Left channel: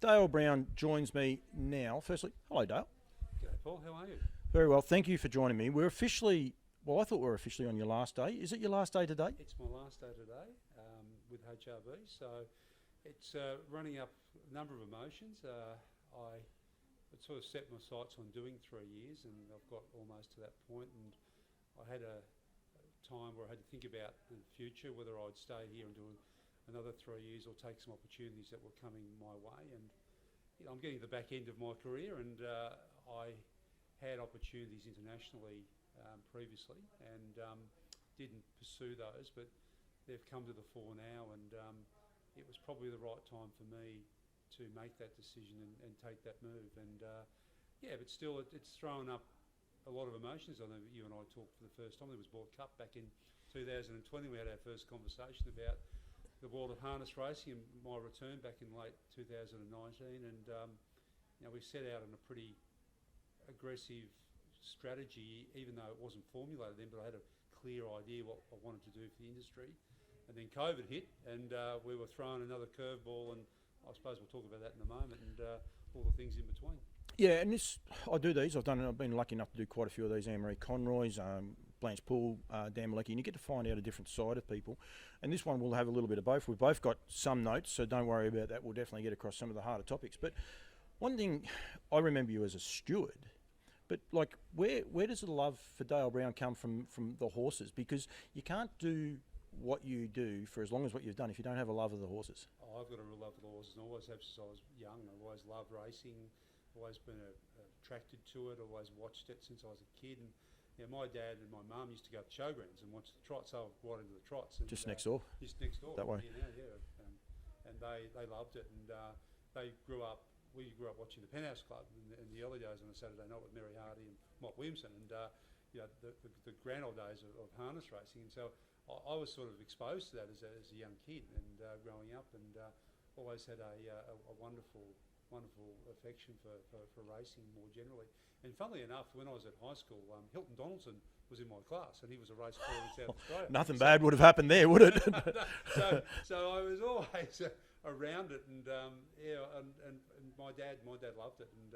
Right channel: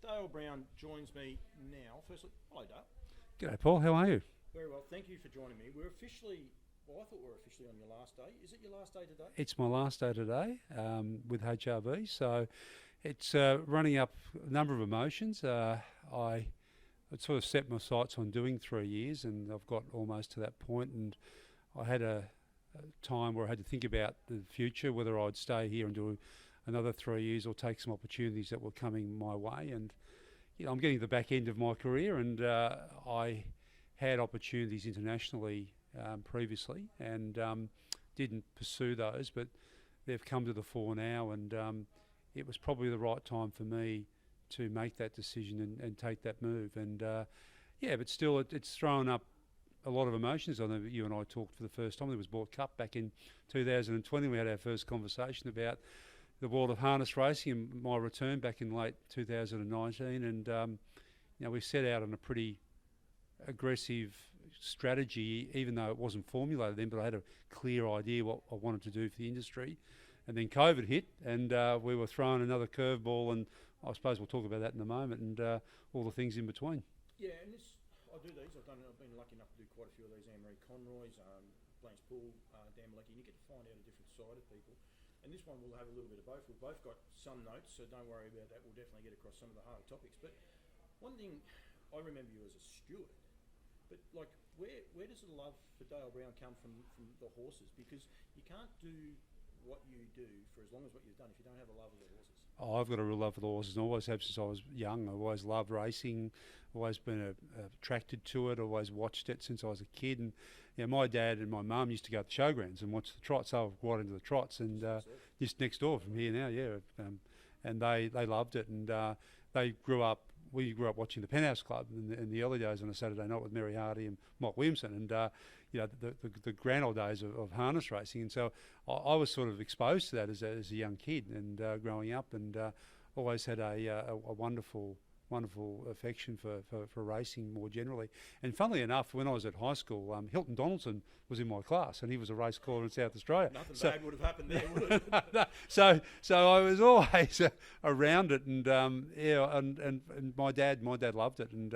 Dayle Brown joins me now. Firstly, hello Dale. G'day Paul, how are you? Very well, thank you for joining me. We're officially, I thought we were officially on your last day. Is it your last day today? It's my last day today with HRV, so it's running up a number of emotions. I had sort of set my sights on doing 3 years, and I've got almost to that point, and I had a time where I had to think about the future, whether I'd stay here and do another 3 years or take some opportunities that were coming my way. And I'm getting to the back end of my career, and I had opportunities internationally previously and didn't pursue those, but they've come to the fore now, and it was probably the right time for me to make that decision and take that move. And but still it's thrown up a lot of emotions. I know that you and I talked for the first time. There was Board Cup back in 2020. We had our first conversation about the world of harness racing and my return back in late 2019, and we set out on a pretty aggressive strategy, even though it wasn't formulated then, but I had a clear idea what I wanted to do for the industry. And then COVID hit, and we were thrown another curveball, and I suppose we'll talk about that in a moment, and all the things in between. Yeah, and I do these. I've been lucky enough to do quite a few of these. Anne-Marie Conroy's, Blanche Poole, Dan Malecki, and you get to find out a different side of people. And this one will have a little bit of both. We've both got some notes, so don't worry about that. We'll definitely get across some of the harder topics. But one thing, I remember you as a steward, but like, where does the love for Dayle Brown come from the horses? Because you can't do what you do for as long as what you've done if you don't have a love of the horses. Oh, I've got a real love for the horses, and always have since I was young. I've always loved racing, always been attracted to it, always watched it since I was a kid. And my dad and my mum used to go to the showgrounds and watch the trots. I was right into the trots. And just next door? Just next door from here now, yeah. And they loved it, and we grew up watching the Penthouse Club in the early days on a Saturday night with Mary Hardy and Mike Williamson, and the grand old days of harness racing. And so I was sort of exposed to that as a young kid and growing up, and always had a wonderful affection for racing more generally. And funnily enough, when I was at high school, Hilton Donaldson was in my class, and he was a race caller in South Australia. Nothing bad would have happened there, would it? So I was always around it, and and my dad loved it, and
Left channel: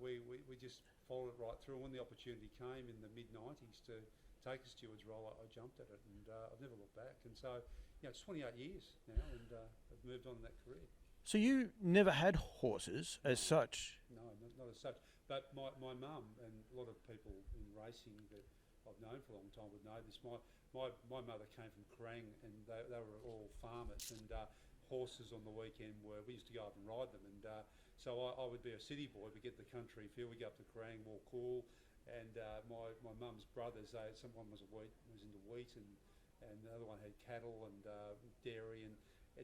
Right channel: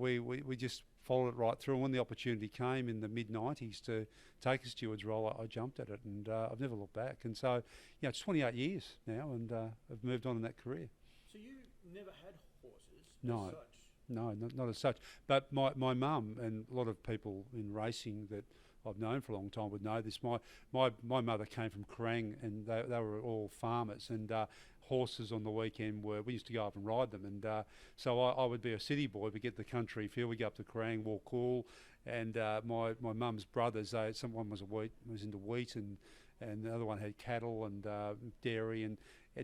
we just followed it right through. And when the opportunity came in the mid-90s to take a steward's role, I jumped at it, and I've never looked back. And so it's 28 years now, and I've moved on in that career. So you never had horses as such? No, not as such. But my mum, and a lot of people in racing that I've known for a long time would know this. My mother came from Kerrang, and they were all farmers, and horses on the weekend we used to go up and ride them. And so I would be a city boy. We get the country feel. We go up to Kerrang, walk cool, and my mum's brothers, someone was into wheat, and the other one had cattle and dairy, and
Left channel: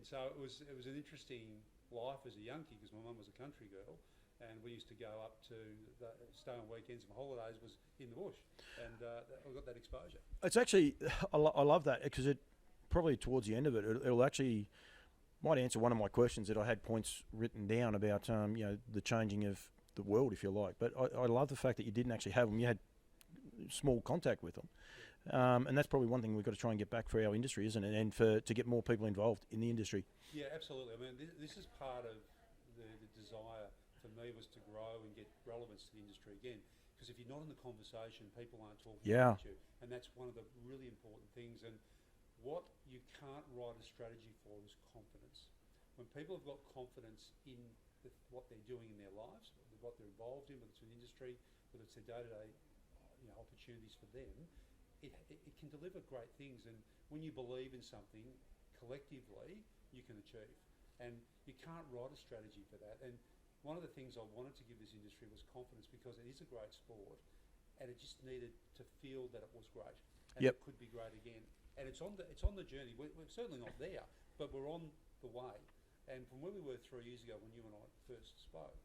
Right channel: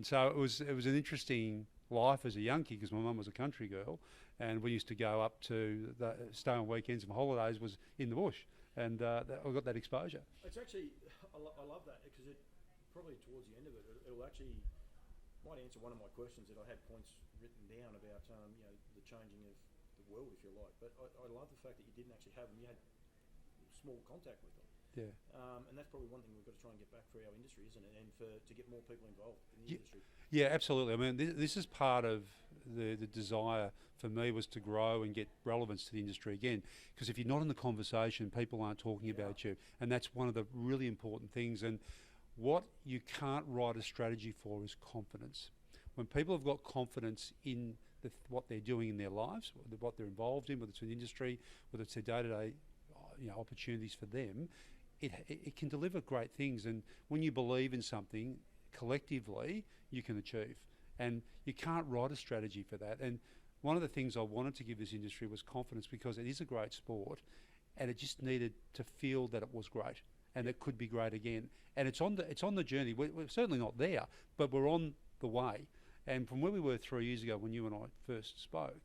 so it was an interesting life as a young kid, because my mum was a country girl, and we used to go up to stay on weekends and holidays was in the bush, and I got that exposure. It's actually, I love that, because it probably towards the end of it, it'll actually might answer one of my questions that I had points written down about the changing of the world, if you like. But I love the fact that you didn't actually have them. You had small contact with them. Yeah. And that's probably one thing we've got to try and get back for our industry, isn't it? And to get more people involved in the industry. Yeah, absolutely. I mean, this is part of the desire for me, was to grow and get relevance to the industry again. Because if you're not in the conversation, people aren't talking about you. And that's one of the really important things. And what you can't write a strategy for is confidence. When people have got confidence in what they're doing in their lives, what they're involved in, whether it's an industry, whether it's their day-to-day opportunities for them, it can deliver great things. And when you believe in something collectively, you can achieve. And you can't write a strategy for that. And one of the things I wanted to give this industry was confidence, because it is a great sport, and it just needed to feel that it was great, and it could be great again. And it's on the journey. We're certainly not there, but we're on the way. And from where we were 3 years ago when you and I first spoke,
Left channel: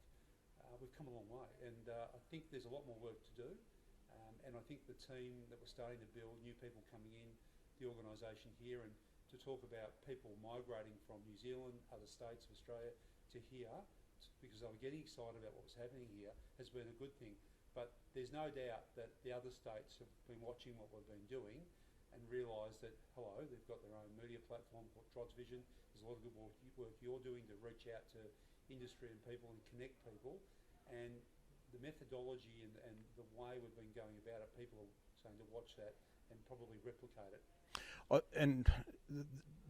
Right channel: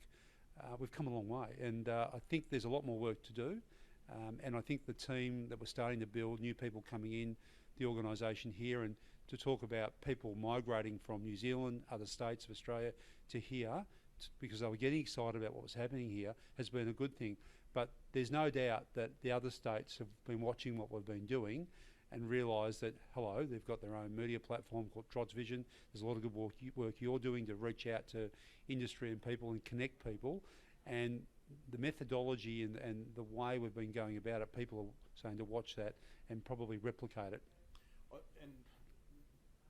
we've come a long way. And I think there's a lot more work to do. And I think the team that we're starting to build, new people coming in, the organisation here, and to talk about people migrating from New Zealand, other states of Australia to here, because they were getting excited about what was happening here, has been a good thing. But there's no doubt that the other states have been watching what we've been doing, and realise that, hello, they've got their own media platform called Trots Vision. There's a lot of good work you're doing to reach out to industry and people and connect people. And the methodology and the way we've been going about it, people are saying to watch that and probably replicate it.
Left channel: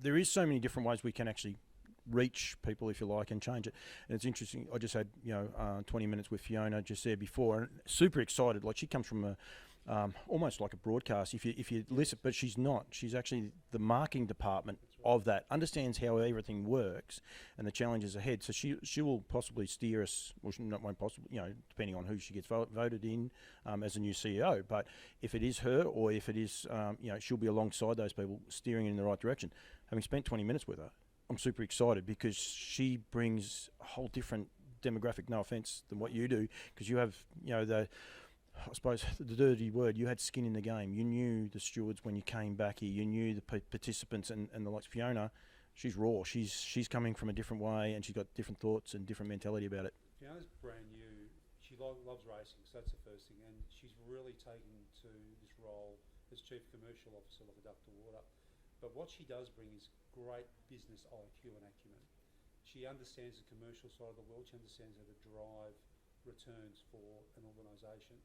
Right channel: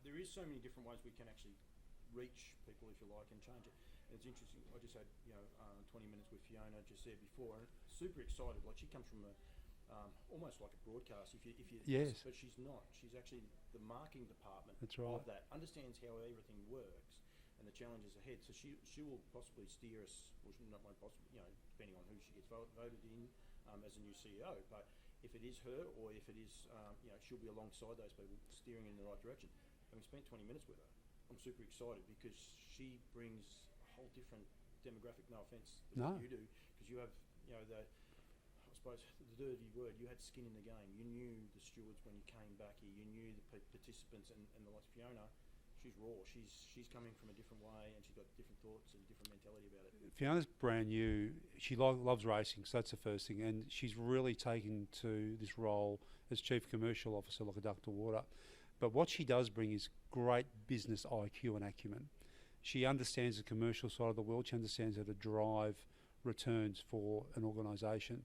There is so many different ways we can actually reach people, if you like, and change it. And it's interesting. I just had 20 minutes with Fiona just there before, and super excited. Like, she comes from a almost like a broadcast. If you listen, but she's not. She's actually the marketing department of that. Understands how everything works and the challenges ahead. So she will possibly steer us. Well, she won't possibly, depending on who she gets voted in as a new CEO. But if it is her, or if it is, she'll be alongside those people, steering in the right direction. Having spent 20 minutes with her, I'm super excited because she brings a whole different demographic. No offense than what you do, because you have, I suppose the dirty word, you had skin in the game. You knew the stewards when you came back here. You knew the participants and the likes. Fiona, she's raw. She's coming from a different way, and she's got different thoughts and different mentality about it. Fiona's brand new. She loves racing, so that's the first thing. And she's really taken to this role as Chief Commercial Officer like a duck to water. But what she does bring is great business IQ and acumen. She understands the commercial side of the world. She understands how to drive returns for an organisation.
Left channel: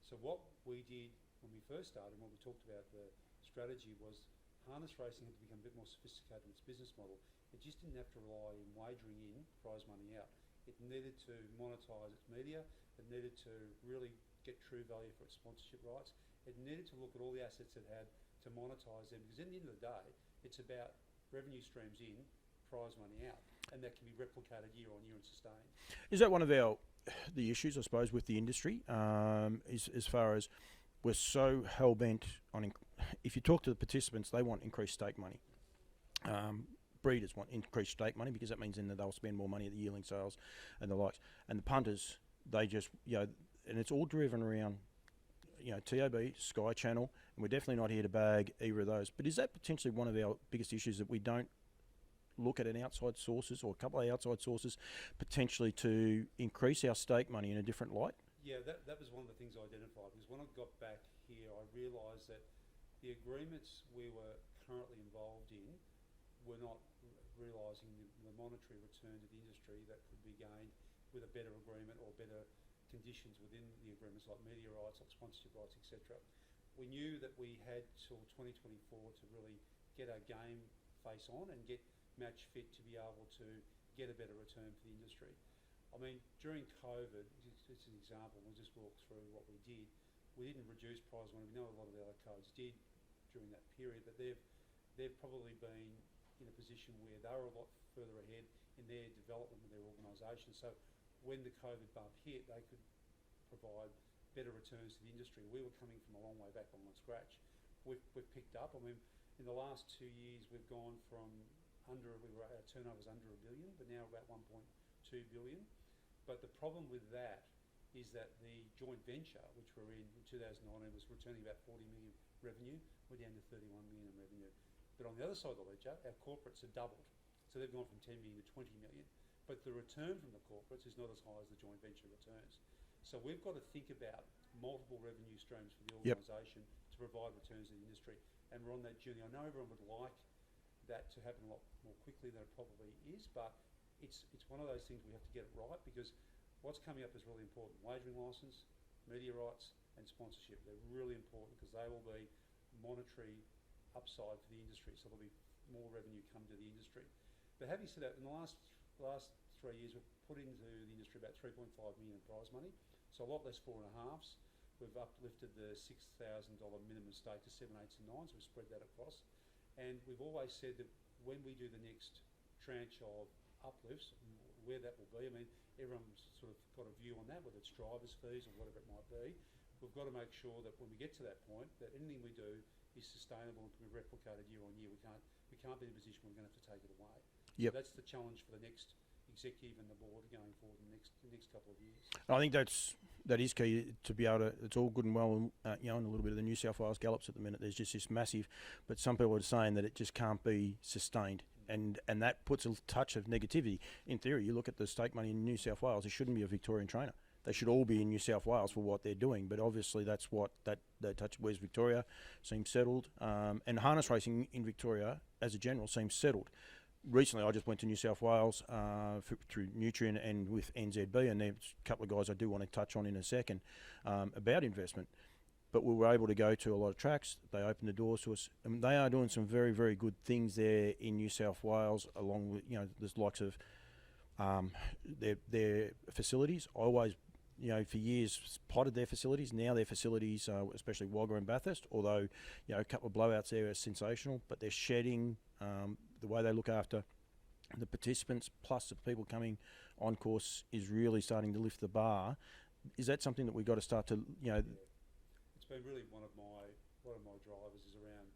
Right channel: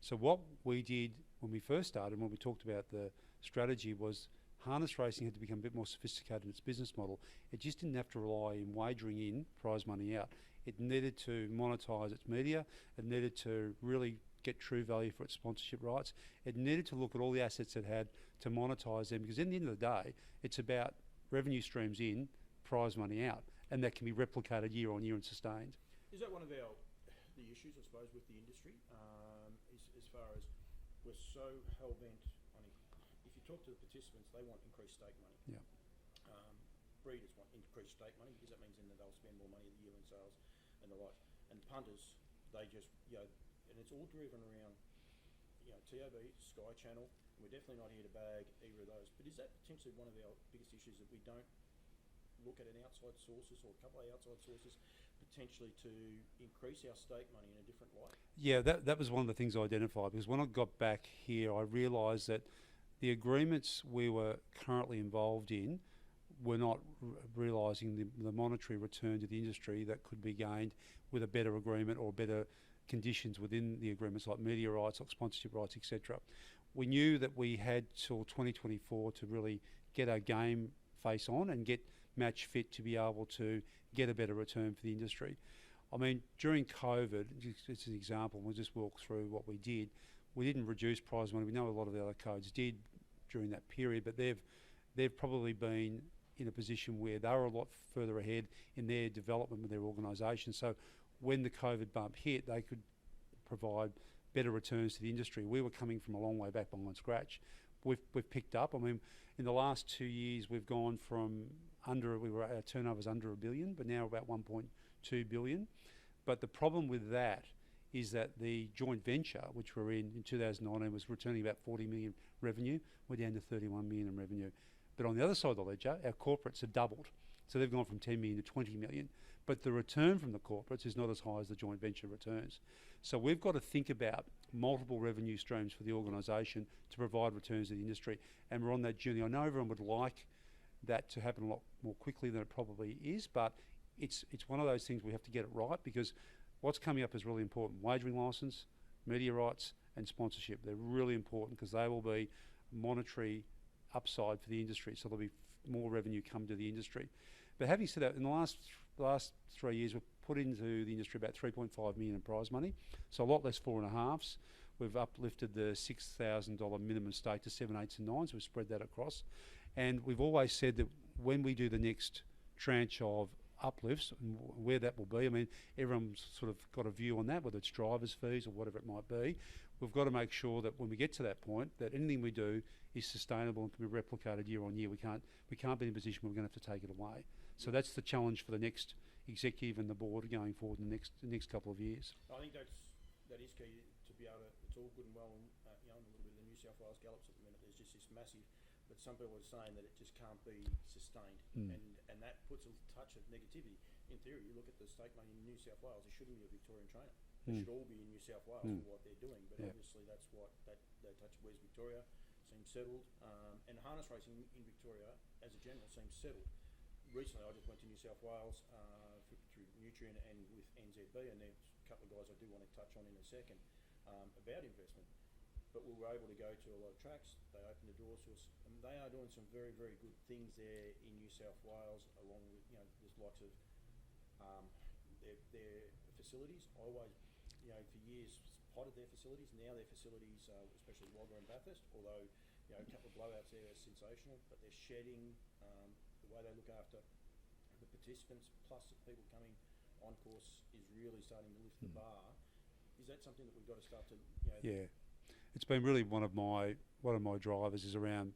So what we did when we first started, when we talked about the strategy, was harness racing had to become a bit more sophisticated in its business model. It just didn't have to rely on wagering in, prize money out. It needed to monetise its media. It needed to really get true value for its sponsorship rights. It needed to look at all the assets it had to monetise them, because at the end of the day, it's about revenue streams in, prize money out, and that can be replicated year on year and sustained. Is that one of the issues, I suppose, with the industry, is as far as we're so hell-bent on, if you talk to the participants, they want increased stake money. Yeah. Breeders want increased stake money, because that means then that they'll spend more money at the yearling sales and the likes. And the punters, they just, and it's all driven around, TAB, Sky Channel, and we're definitely not here to bag either of those. But is that potentially one of our biggest issues, that we don't look at an outside sources or a couple of outside sources potentially to increase our stake money in a different light? Yeah, that was one of the things I identified, because when I got back here, I realised that the agreements we were currently involved in were not realising the monetary return to the industry that could be gained with a better agreement or better conditions within the agreements, like media rights, like sponsorship rights, etc. We knew that we had till 2024 to really get our game face on and get match fit to be able to get a better return for the industry. I mean, during COVID, just an example, we'll just walk through what we did. We didn't reduce prize money. We know a lot of the other codes did during that period, but they've probably been in a position where they were a lot further ahead in their development with their organisation. So when the COVID bump hit, they could provide better returns to the industry. We were coming from a long way back behind scratch. We've picked up. I mean, in the last 2 years, we've gone from our turnover's under $1 billion, but now about 1.2 billion. But the problem with that is that the joint venture, which we're in 2019, was returning about 40 million revenue. We're down to 31 million in revenue. But on the other side of the ledger, our corporates have doubled. So they've gone from 10 million to 20 million. But the return from the corporates is not as high as the joint venture returns. So we've got to think about multiple revenue streams for the organisation to provide returns to the industry. And we're on that journey. I know everyone would like that to happen a lot more quickly than it probably is, but it's one of those things we have to get it right, because what's coming up is really important. Wagering licence, media rights and sponsorship. They're really important, because they will be monetary upside for the industry. So there'll be more revenue come to the industry. But having said that, in the last 3 years, we've put into the industry about 3.5 million in prize money. So a lot less 4.5s. We've uplifted the $6,000 minimum stake to 7, 8s and 9s. We've spread that across. And we've always said that when we do the next tranche of uplifts, and where that will be, I mean, everyone's sort of got a view on that, whether it's driver's fees or whatever it might be. We've got to make sure that when we get to that point, that anything we do is sustainable and can be replicated year on year. We can't be in a position where we're going to have to take it away. So that's the challenge for the next executive and the board going forward in the next couple of years. I think that is key, to be able to. It's all good and well, and a little bit of the New South Wales gallops at the minute. There's just this massive, but some people are saying that it just can't be sustained, and that puts a touch of negativity. In theory, you look at the stake money in New South Wales. It shouldn't be a Victorian trainer. They should all be in New South Wales for what they're doing. But obviously, that's what that Whereas Victoria seems settled, and harness racing in Victoria, as a general, seems settled. Recently, I just went to New South Wales through Nutrien and with NZB, and there's a couple of guys I do want to touch on in a second about investment. But we were able to go to a lot of tracks. They opened the doors to us, and they are doing some very, very good things there in New South Wales, along with, there's likes of their facilities. I always, for years potted their facilities. Now their facilities, especially Wagga and Bathurst, although, a couple of blowouts there are sensational, but they're shedding, the way they look after the participants, plus the people coming on course, is really starting to lift the bar. Is that something that we've got to start to, Yeah. It's been really one of my drivers is around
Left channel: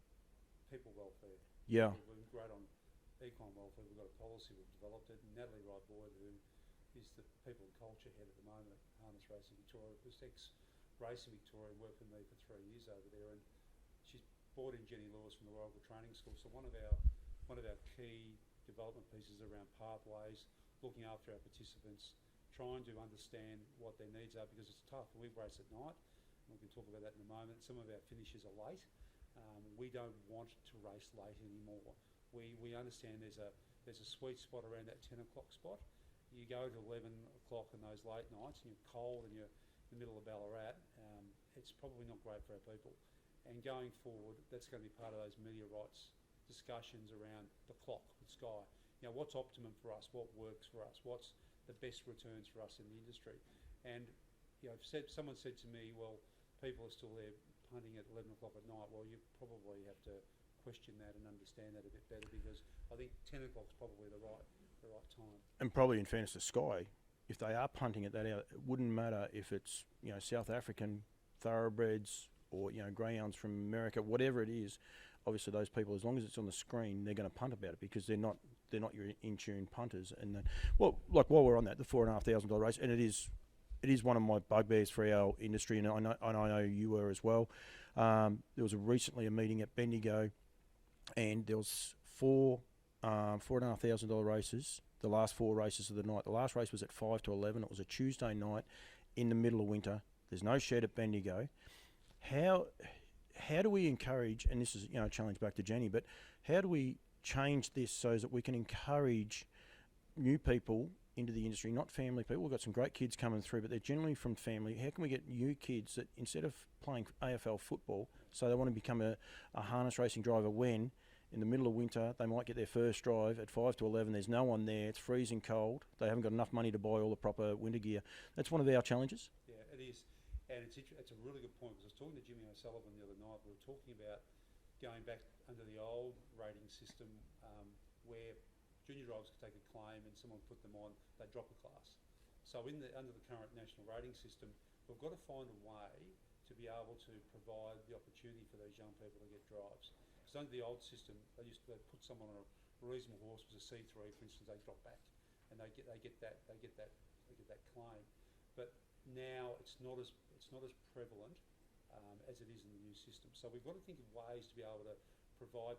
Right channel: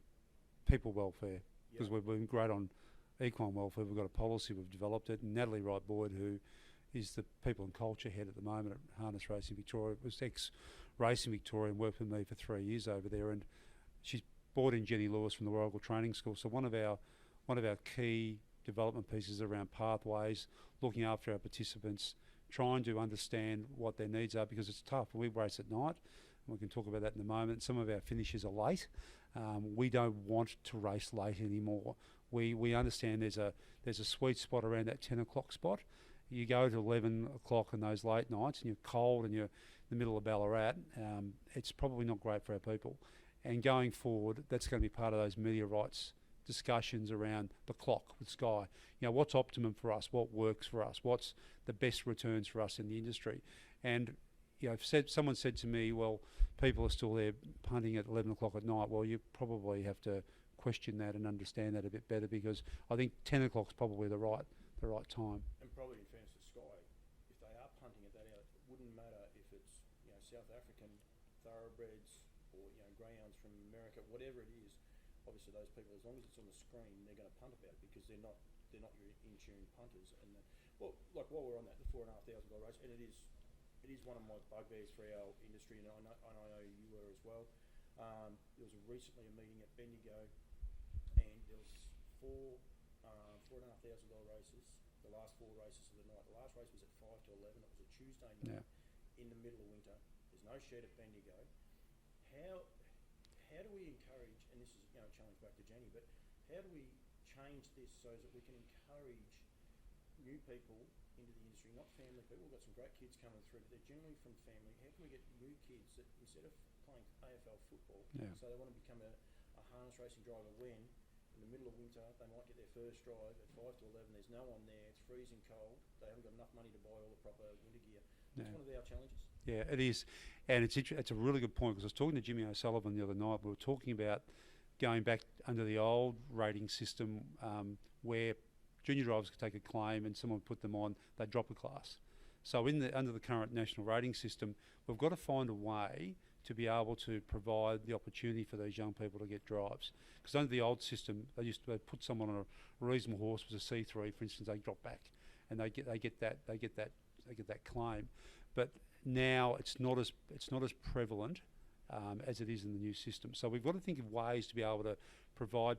people welfare. Yeah. 'Cause we've been great on equine welfare. We've got a policy, we've developed it. And Natalie Wright-Boyd, who is the people and culture head at the moment at Harness Racing Victoria, was ex-Racing Victoria and worked with me for 3 years over there. And she's brought in Jenny Lewis from the Royal Training School. So one of our key development pieces around pathways, looking after our participants, trying to understand what their needs are, because it's tough. We race at night. We can talk about that in a moment. Some of our finishes are late. We don't want to race late anymore. We understand there's a sweet spot around that 10 o'clock spot. You go to 11 o'clock on those late nights and you're cold and you're in the middle of Ballarat, it's probably not great for our people. And going forward, that's going to be part of those media rights discussions around the clock with Sky. What's optimum for us? What works for us? What's the best returns for us in the industry? And someone said to me, well, people are still there punting at 11 o'clock at night. Well, you probably have to question that and understand that a bit better, because I think 10 o'clock is probably the right time. And probably in fairness to Sky, if they are punting at that hour, it wouldn't matter if it's South African thoroughbreds or greyhounds from America, whatever it is. Obviously, those people, as long as it's on the screen, they're going to punt about it, because they're not your in-tune punters. And then, while we're on that, the $4,500 race, and it is one of my bugbears for our industry, and I know you were as well. There was recently a meeting at Bendigo, and there was $4,500 races. The last 4 races of the night. The last race was at 5 to 11. It was a Tuesday night in the middle of winter. There's no shed at Bendigo. How do we encourage? And this is a challenge back to Jenny, but how do we change this so that we can encourage new people into the industry, not family people? We've got some great kids coming through, but they're generally from family. How can we get new kids that, instead of playing AFL football, so they want to become a harness racing driver, when in the middle of winter they might get their first drive at 5 to 11, there's no one there, it's freezing cold, they haven't got enough money to buy all the proper winter gear. That's one of our challenges. Yeah, it is. And it's a really good point, because I was talking to Jimmy O'Sullivan the other night. We were talking about going back under the old rating system, where junior drivers could take a claim and someone put them on, they drop a class. So under the current national rating system, we've got to find a way to be able to provide the opportunity for these young people to get drives. Because under the old system, they put someone on a reasonable horse, was a C3, for instance, they drop back, and they get that claim. But now it's not as prevalent as it is in the new system. So we've got to think of ways to be able to provide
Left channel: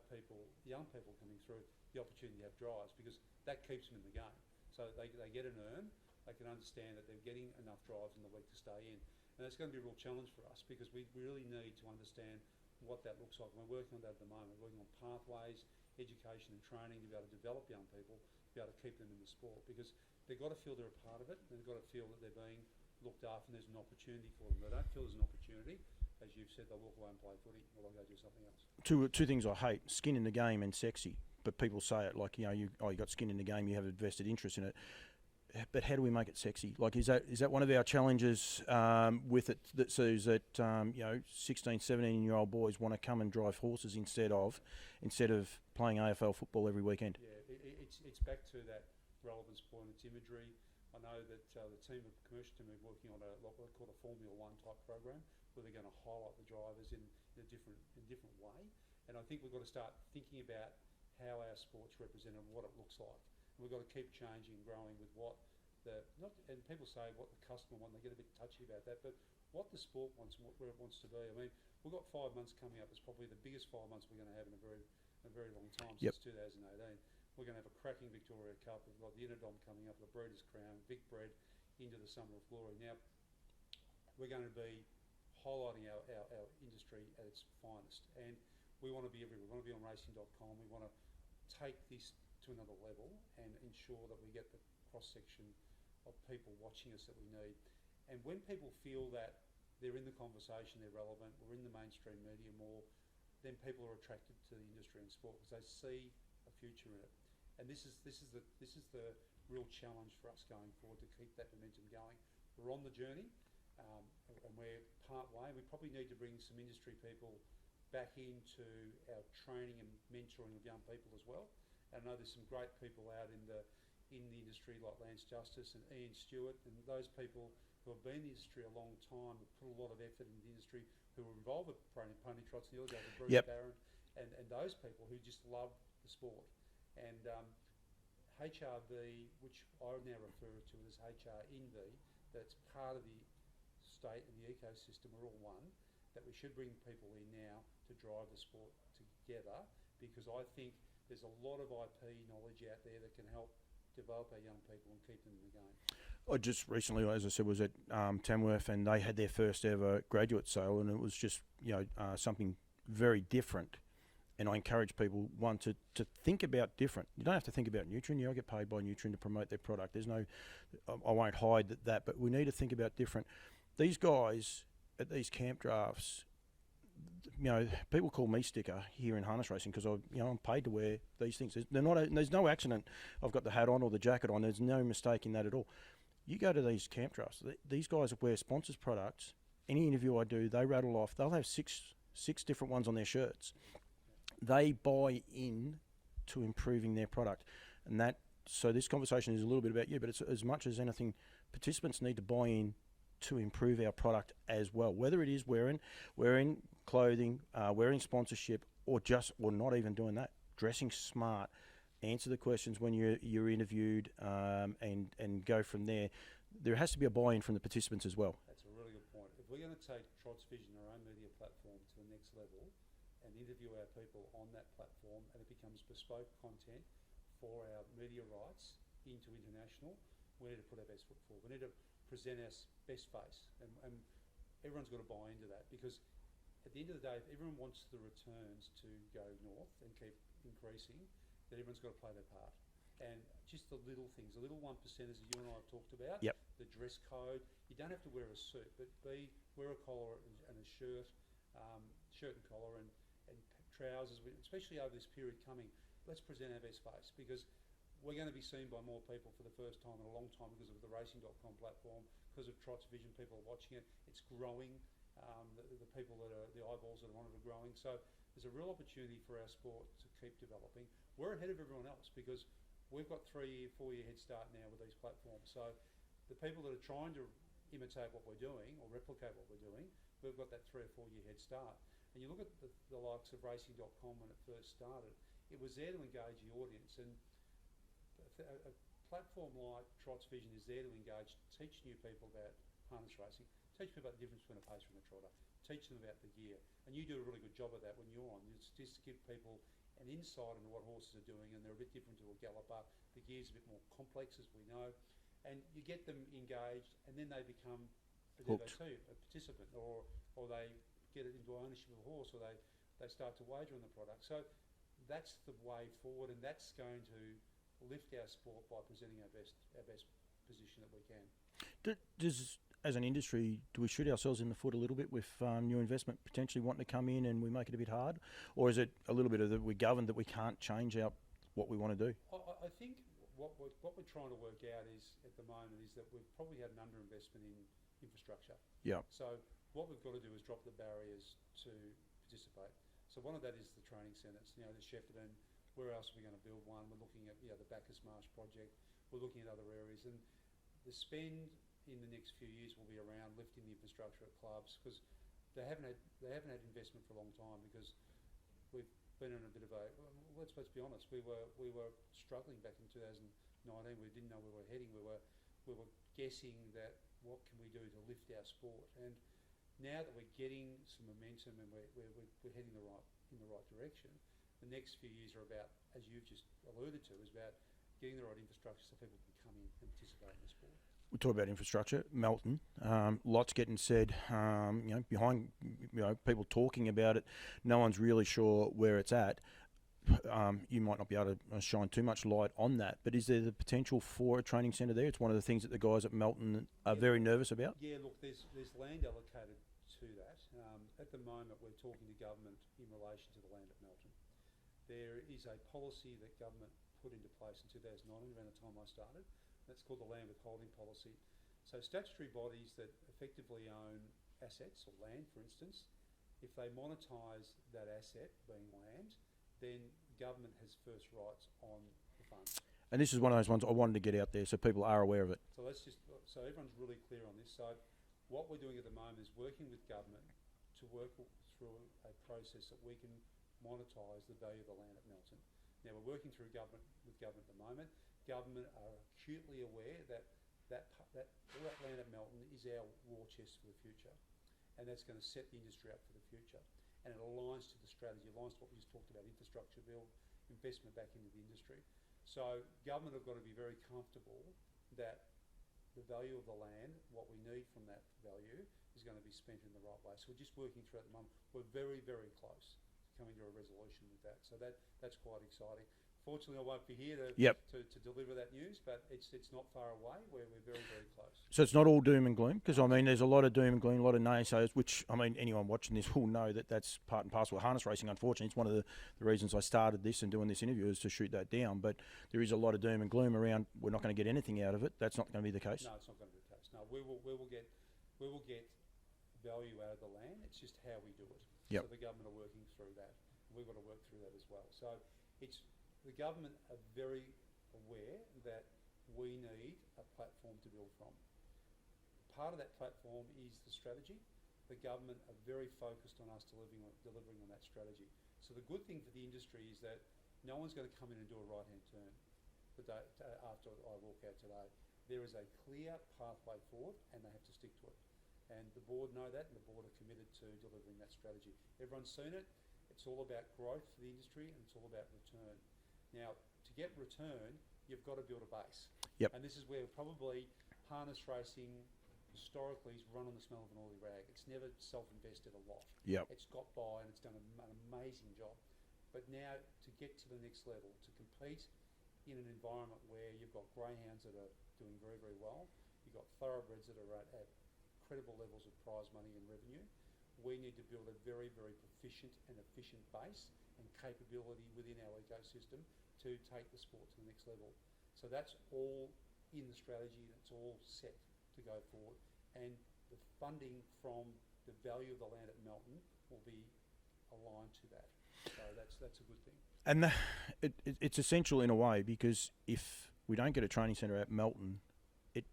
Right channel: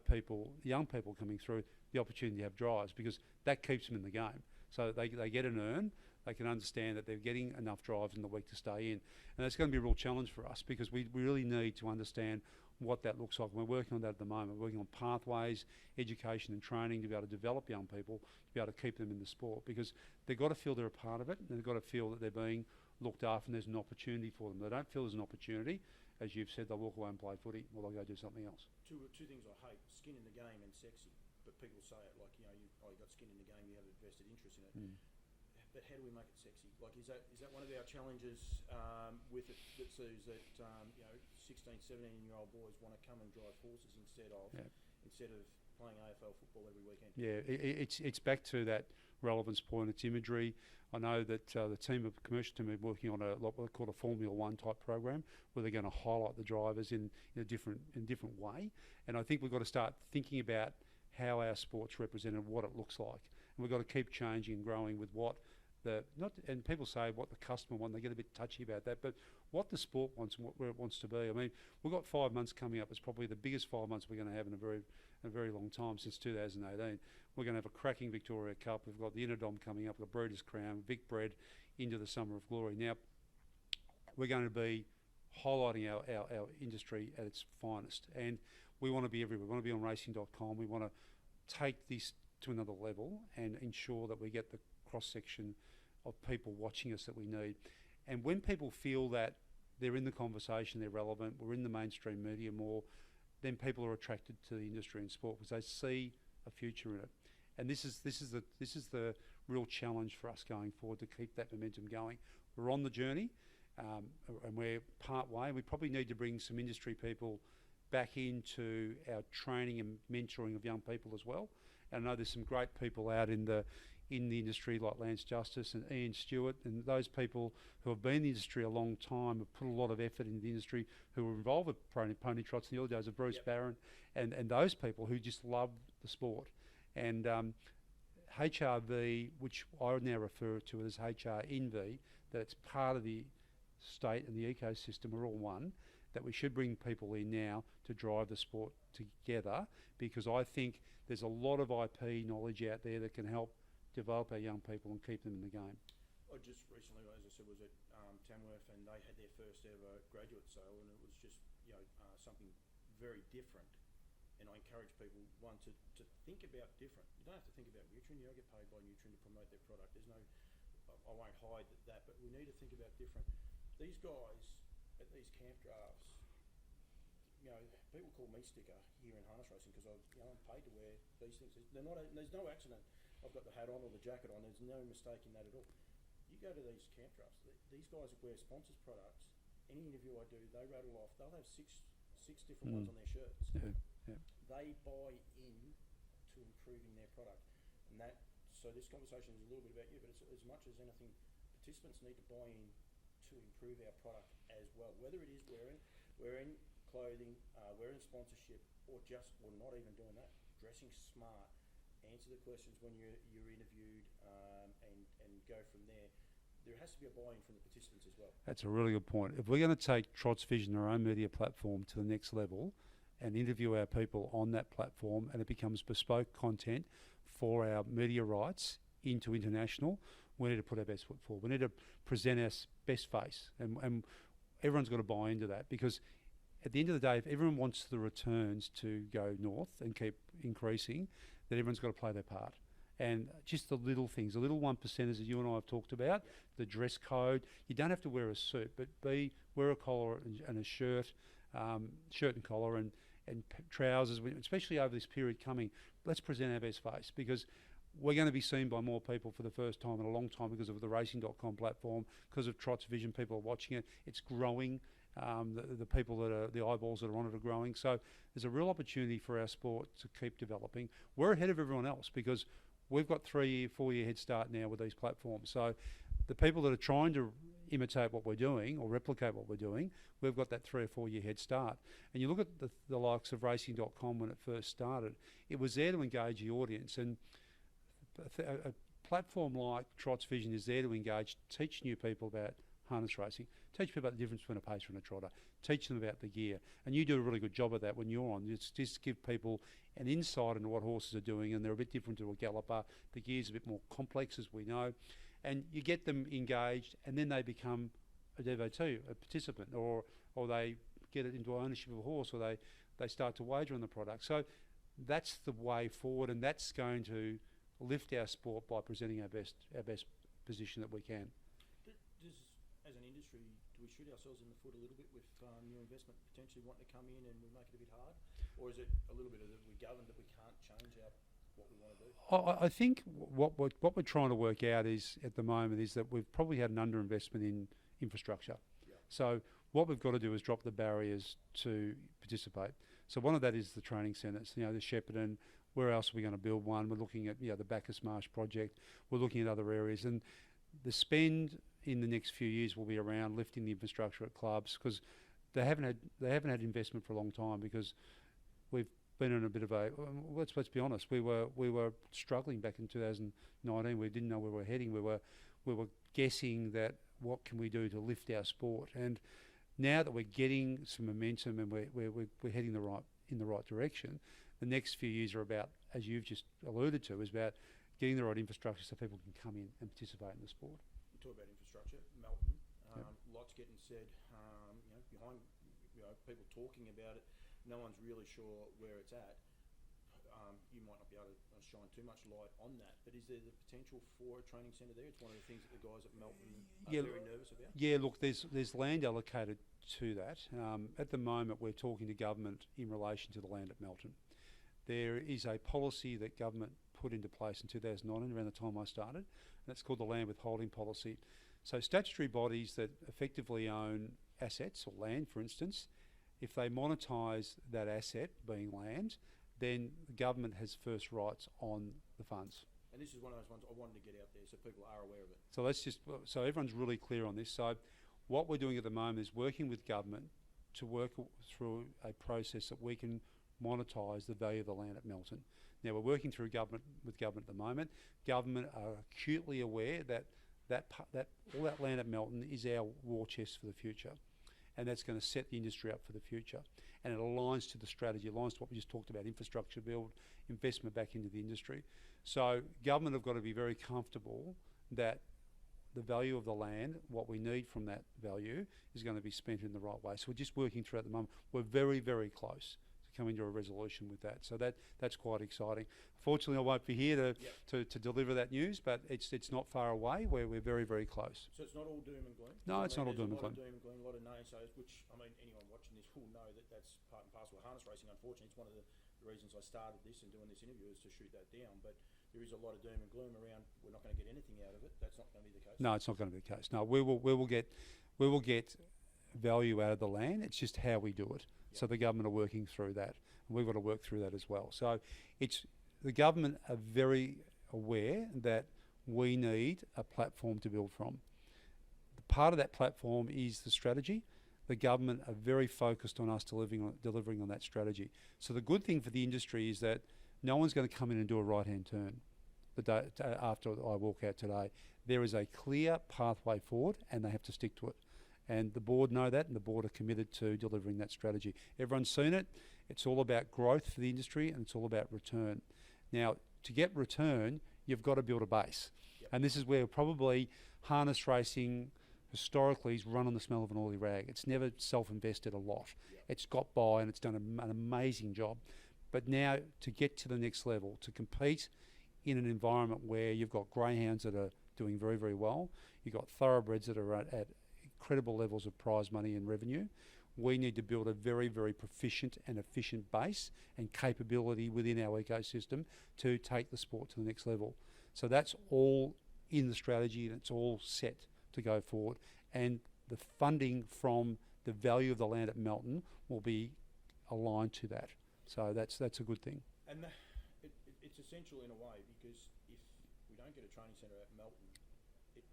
young people coming through, the opportunity to have drives, because that keeps them in the game. So they get an earn, they can understand that they're getting enough drives in the week to stay in. And it's going to be a real challenge for us, because we really need to understand what that looks like. We're working on that at the moment. We're working on pathways, education and training to be able to develop young people, to be able to keep them in the sport, because they've got to feel they're a part of it, and they've got to feel that they're being looked after and there's an opportunity for them. They don't feel there's an opportunity, as you've said, they'll walk away and play footy, or they'll go do something else. Two things I hate: skin in the game and sexy. But people say it like, you got skin in the game, you have a vested interest in it. But how do we make it sexy? Like, is that one of our challenges with it, that says that 16, 17-year-old boys want to come and drive horses instead of playing AFL football every weekend? Yeah, it's back to that relevance point. It's imagery. I know that the commercial team are working on what we call a Formula One type program, where they're going to highlight the drivers in a different way. And I think we've got to start thinking about how our sport's represented, what it looks like. And we've got to keep changing and growing with what and people say what the customer wants, they get a bit touchy about that, but what the sport wants and where it wants to be. I mean, we've got 5 months coming up. It's probably the biggest 5 months we're going to have in a very long time, since 2018. We're going to have a cracking Victoria Cup. We've got the Interdom coming up, the Breeders' Crown, Vic Bred into the Summer of Glory. Now, we're going to be highlighting our industry at its finest. And we want to be everywhere. We want to be on racing.com. We want to take this to another level and ensure that we get the cross-section of people watching us that we need. And when people feel that they're in the conversation, they're relevant, we're in the mainstream media more, then people are attracted to the industry and sport because they see a future in it. And this is the real challenge for us going forward, to keep that momentum going. We're on the journey, and we're part way. We probably need to bring some industry people back into our training and mentoring of young people as well. And I know there's some great people out in the industry like Lance Justice and Ian Stewart, and those people who have been in the industry a long time, have put a lot of effort into the industry, who were involved with pony trots in the early days of Bruce Yep. Barron, and those people who just love the sport. And HRV, which I now refer to as HRNV, that it's part of the state and the ecosystem, we're all one, that we should bring people in now to drive the sport together, because I think there's a lot of IP knowledge out there that can help develop our young people and keep them in the game. I just recently, as I said, was at Tamworth, and they had their first ever graduate sale, and it was just something very different. And I encourage people, one, to think about different. You don't have to think about Nutrien. You don't get paid by Nutrien to promote their product. There's no, I won't hide that, but we need to think about different. These guys at these camp drafts, people call me sticker here in harness racing because I'm paid to wear these things. There's no accident. I've got the hat on or the jacket on. There's no mistake in that at all. You go to these camp drafts. These guys wear sponsors products. Any interview I do, they rattle off. They'll have six different ones on their shirts. Yeah. They buy in to improving their product, and so this conversation is a little bit about you, but it's as much as anything, participants need to buy in to improve our product as well. Whether it is wearing clothing, wearing sponsorship, or not even doing that, dressing smart, answer the questions when you're interviewed, and go from there. There has to be a buy-in from the participants as well. That's a really good point. If we're going to take Trot's Vision, our own media platform, to the next level, and interview our people on that platform, and it becomes bespoke content for our media rights into international, we need to put our best foot forward. We need to present our best face, and everyone's got to buy into that, because at the end of the day, if everyone wants the returns to go north and keep increasing, then everyone's got to play their part. And just the little things, the little 1%ers that you and I have talked about, Yep. the dress code, you don't have to wear a suit, but wear a collar and a shirt and collar and trousers, especially over this period coming. Let's present our best face, because we're going to be seen by more people for the first time in a long time because of the racing.com platform, because of Trot's Vision. People are watching it. It's growing. The people the eyeballs that are on it are growing. So there's a real opportunity for our sport to keep developing. We're ahead of everyone else because we've got 3-year, 4-year head start now with these platforms. So the people that are trying to imitate what we're doing or replicate what we're doing, we've got that 3 or 4 year head start. And you look at the likes of racing.com when it first started, it was there to engage the audience. And a platform like Trot's Vision is there to engage, teach new people about harness racing, teach people about the difference between a pacer and a trotter, teach them about the gear. And you do a really good job of that when you're on. Just give people an insight into what horses are doing, and they're a bit different to a galloper. The gear's a bit more complex, as we know. And you get them engaged, and then they become a devotee, a participant, or they get it into ownership of a horse, or they start to wager on the product. So that's the way forward, and that's going to lift our sport by presenting our best position that we can. Does, as an industry, do we shoot ourselves in the foot a little bit with new investment potentially wanting to come in and we make it a bit hard? Or is it a little bit of that we're governed that we can't change what we want to do? I think what we're trying to work out is, at the moment, is that we've probably had an underinvestment in infrastructure. Yeah. So what we've got to do is drop the barriers to participate. So one of that is the training centres, the Shepparton. Where else are we going to build one? We're looking at the Bacchus Marsh project. We're looking at other areas, and the spend in the next few years will be around lifting the infrastructure at clubs, because they haven't had investment for a long time, because we've been in a bit of a let's be honest, we were struggling back in 2019. We didn't know where we were heading. We were guessing that what can we do to lift our sport, and now that we're getting some momentum and we're heading in the right direction, the next few years are about, as you've just alluded to, is about getting the right infrastructure so people can come in and participate in the sport. we talk about infrastructure, Melton, lots getting said, behind, people talking about it. No one's really sure where it's at. You might not be able to shine too much light on that, but is there the potential for a training centre there? It's one of the things that the guys at Melton are very nervous about. Yeah, look, there's land allocated to that. At the moment, we're talking to government in relation to the land at Melton. There is a policy that government put into place in 2009, around the time I started. That's called the land withholding policy. So statutory bodies that effectively own assets or land, for instance, if they monetise that asset, being land, then the government has first rights on the funds. And this is one of those ones I wanted to get out there so people are aware of it. So everyone's really clear on this. So what we're doing at the moment is working with government to work through a process that we can monetise the value of the land at Melton. Now we're working through with government at the moment. Government are acutely aware that all that land at Melton is our war chest for the future, and that's going to set the industry up for the future. And it aligns to the strategy, aligns to what we just talked about: infrastructure build, investment back into the industry. So government have got to be very comfortable that the value of the land, what we need from that value, is going to be spent in the right way. So we're just working through at the moment. We're very, very close to coming to a resolution with that. So that's quite exciting. Fortunately, I won't be here to deliver that news, but it's not far away. We're very, very close. So it's not all doom and gloom? Because, No, there's a lot of doom and gloom, a lot of naysayers, which, anyone watching this will know that that's part and parcel of harness racing. Unfortunately, it's one of the reasons I started this and doing this interview is to shoot that down. But there is a lot of doom and gloom around. We're not going to get anything out of it. That's not going to be the case. No, it's not going to be the case. No, we will get value out of the land. It's just how we do it. Yep. So the government are working through that. We've got to work through that as well. So the government are very aware that we need a platform to build from. Part of that platform is the strategy. The government are very focused on us delivering on that strategy. So the good thing for the industry is that no one's going to come in and do a right-hand turn the day after I walk out today. There is a clear pathway forward, and they have to stick to it. And the board know that, and the board are committed to delivering that strategy. Everyone's seen it. It's all about growth for the industry, and it's all about return. Now, to get return, you've got to build a base. Yep. And this is where probably harness racing historically is run on the smell of an oily rag. It's never self-invested a lot. Yep. It's got by and it's done an amazing job. But now to get to the next level, to compete in an environment where you've got greyhounds that are doing very, very well, you've got thoroughbreds that are at incredible levels of prize money and revenue, we need to build a very, very proficient and efficient base and capability within our ecosystem to take the sport to the next level. So that's all in the strategy, and it's all set to go forward. And the funding from the value of the land at Melton will be aligned to that. So that's a good thing. And it's essential in a way, because if we don't get a training centre at Melton,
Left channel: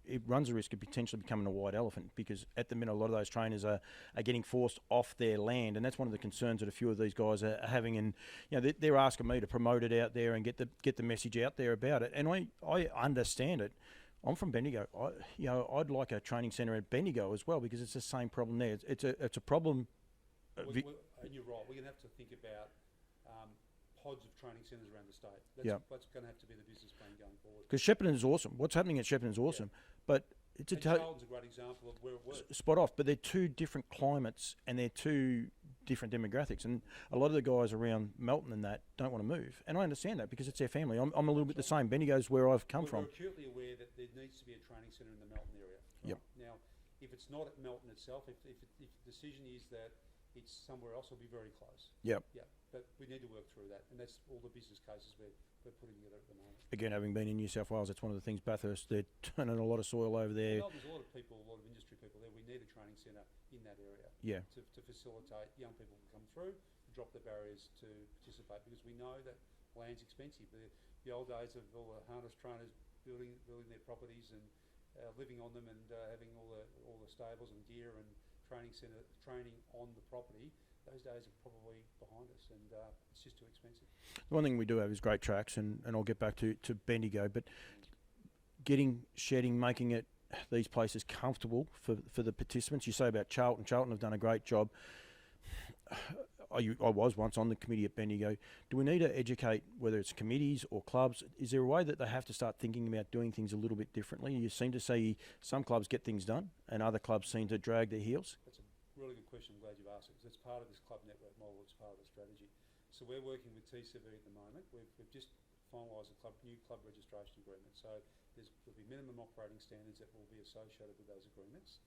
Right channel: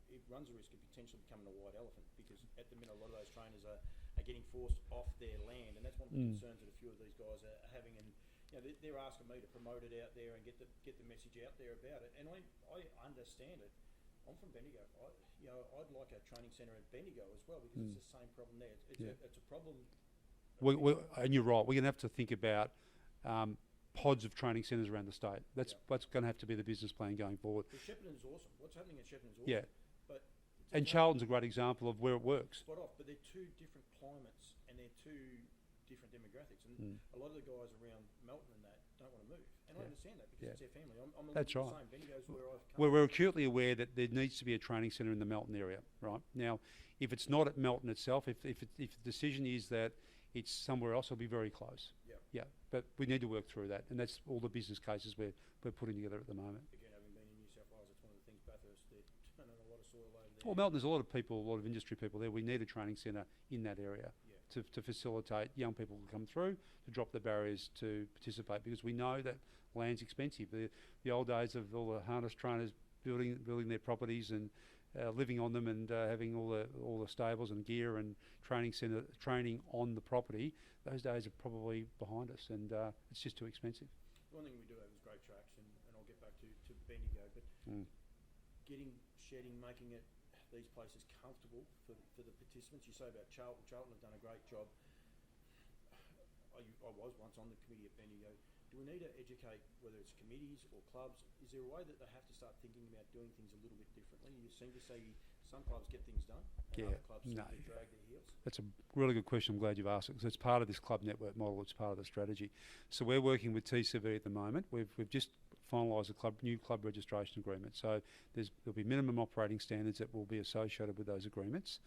it runs a risk of potentially becoming a white elephant, because at the minute a lot of those trainers are getting forced off their land, and that's one of the concerns that a few of these guys are having. And they're asking me to promote it out there and get the message out there about it. And I understand it. I'm from Bendigo. I'd like a training centre at Bendigo as well, because it's the same problem there. It's a problem. And you're right. We're going to have to think about pods of training centres around the state. That's going to have to be the business plan going forward. Because Shepparton is awesome. What's happening at Shepparton is awesome. But Charlton's a great example of where it works. Spot off. But they're two different climates and they're two different demographics. And a lot of the guys around Melton and that don't want to move. And I understand that, because it's their family. I'm a little bit the same. Bendigo's where I've come from. We're acutely aware that there needs to be a training centre in the Melton area. Right. Now, if it's not at Melton itself, if the decision is that it's somewhere else, it'll be very close. Yep. Yeah. But we need to work through that, and that's all the business cases we're putting together at the moment. Again, having been in New South Wales, that's one of the things. Bathurst, they're turning a lot of soil over there. Well, Melton, there's a lot of people, a lot of industry people there. We need a training centre in that area. To facilitate young people to come through, to drop the barriers to participate, because we know that land's expensive. The old days of all the harness trainers building their properties and living on them, and having all the stables and gear and training on the property, those days are probably behind us, and it's just too expensive. The one thing we do have is great tracks, and I'll get back to Bendigo, but making these places comfortable for the participants. You say about Charlton have done a great job. I was once on the committee at Bendigo. Do we need to educate, whether it's committees or clubs? Is there a way that they have to start thinking about doing things a little bit differently? You seem to see some clubs get things done and other clubs seem to drag their heels. That's a really good question. I'm glad you've asked it, because it's part of this club network model. It's part of the strategy. So we're working with TCV at the moment. We've just finalised a new club registration agreement. So there'll be minimum operating standards that will be associated with those agreements.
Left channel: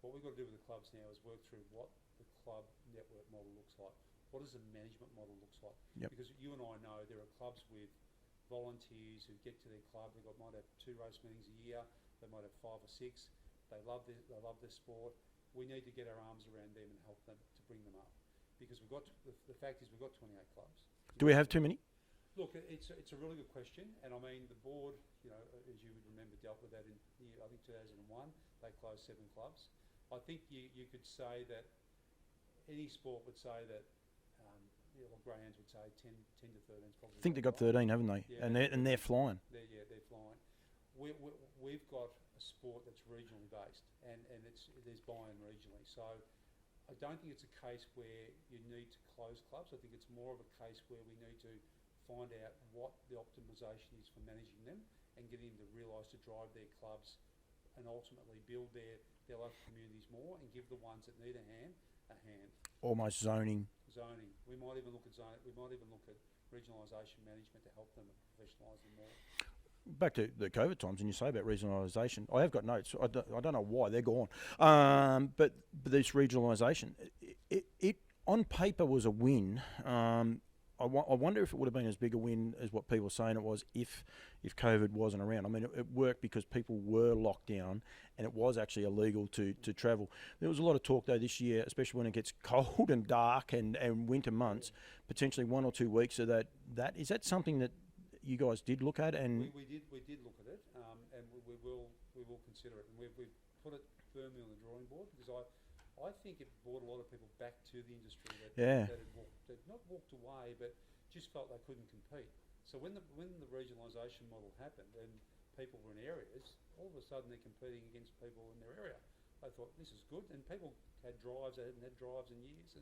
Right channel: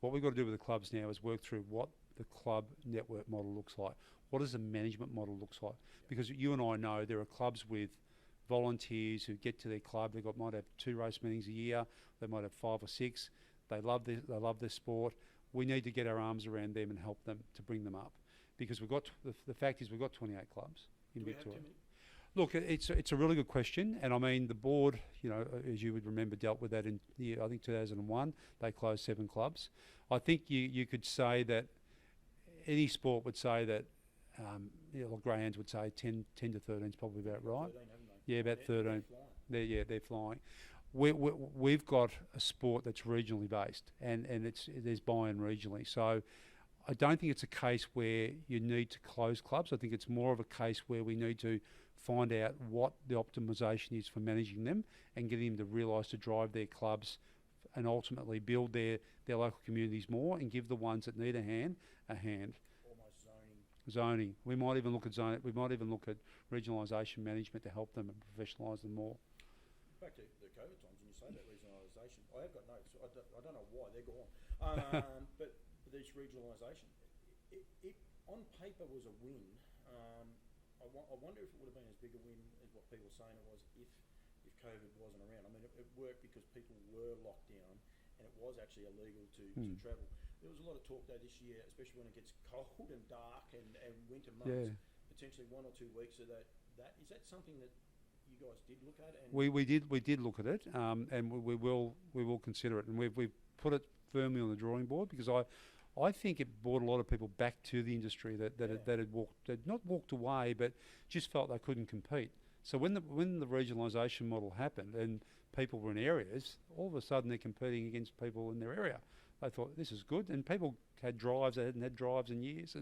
What we've got to do with the clubs now is work through what the club network model looks like. What does the management model looks like? Yep. Because you and I know there are clubs with volunteers who get to their club. They might have 2 race meetings a year. They might have 5 or 6. They love their sport. We need to get our arms around them and help them to bring them up, because the fact is we've got 28 clubs. Do we have too many? Look, it's a really good question, and I mean the board, as you would remember, dealt with that in I think 2001. They closed 7 clubs. I think you could say that any sport would say that, like greyhounds would say 10 to 13 is probably. I think they've got right. 13, haven't they? Yeah, and they're flying. They're flying. We've got a sport that's regionally based, and there's buy-in regionally. So I don't think it's a case where you need to close clubs. I think it's more of a case where we need to find out what the optimisation is for managing them and getting them to realise to drive their clubs and ultimately build their local communities more, and give the ones that need a hand. Almost zoning. We might even look at We might even look at regionalisation management to help them and professionalise them more. Back to the COVID times, and you say about regionalisation, I have got notes. I don't know why they're gone, but this regionalisation, it on paper was a win. I wonder if it would have been as big a win as what people are saying it was if COVID wasn't around. I mean, it worked because people were locked down and it was actually illegal to travel. There was a lot of talk, though, this year, especially when it gets cold and dark and winter months, potentially 1 or 2 weeks of that. Is that something that you guys did look at? And we did look at it, and we will consider it, and we've put it firmly on the drawing board, because I think it brought a lot of people back to the industry that had not walked away, but just felt they couldn't compete. So when the regionalisation model happened and people were in areas, all of a sudden they're competing against people in their area. They thought, this is good, and people had drives. They hadn't had drives in years,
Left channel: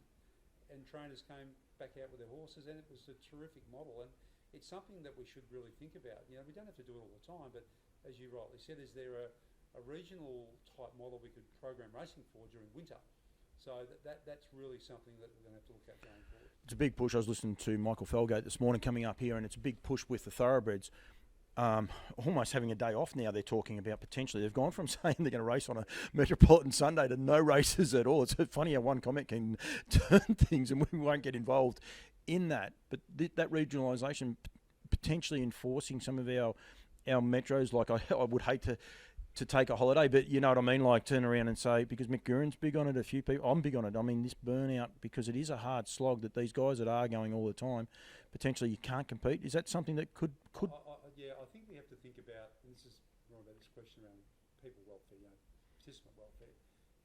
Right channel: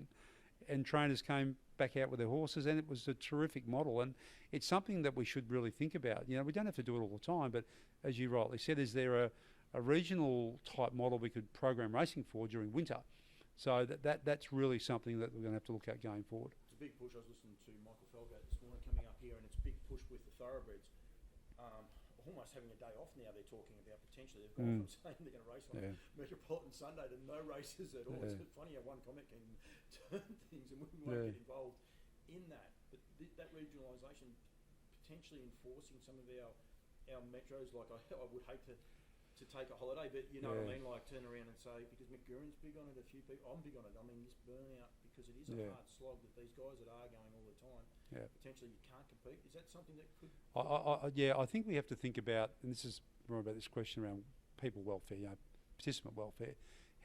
and trainers came back out with their horses, and it was a terrific model. And it's something that we should really think about. We don't have to do it all the time, but as you rightly said, is there a regional type model we could program racing for during winter? So that's really something that we're going to have to look at going forward. It's a big push. I was listening to Michael Felgate this morning coming up here, and it's a big push with the thoroughbreds. Almost having a day off now, they're talking about potentially. They've gone from saying they're going to race on a Metropolitan Sunday to no races at all. It's funny how one comment can turn things, and we won't get involved in that. But that regionalisation potentially enforcing some of our metros, like I would hate to take a holiday, but you know what I mean, like turn around and say, because McGurran's big on it, a few people, I'm big on it. I mean, this burnout, because it is a hard slog that these guys that are going all the time, potentially you can't compete. Is that something that could? I think we have to think about, and this is more about this question around people welfare, participant welfare.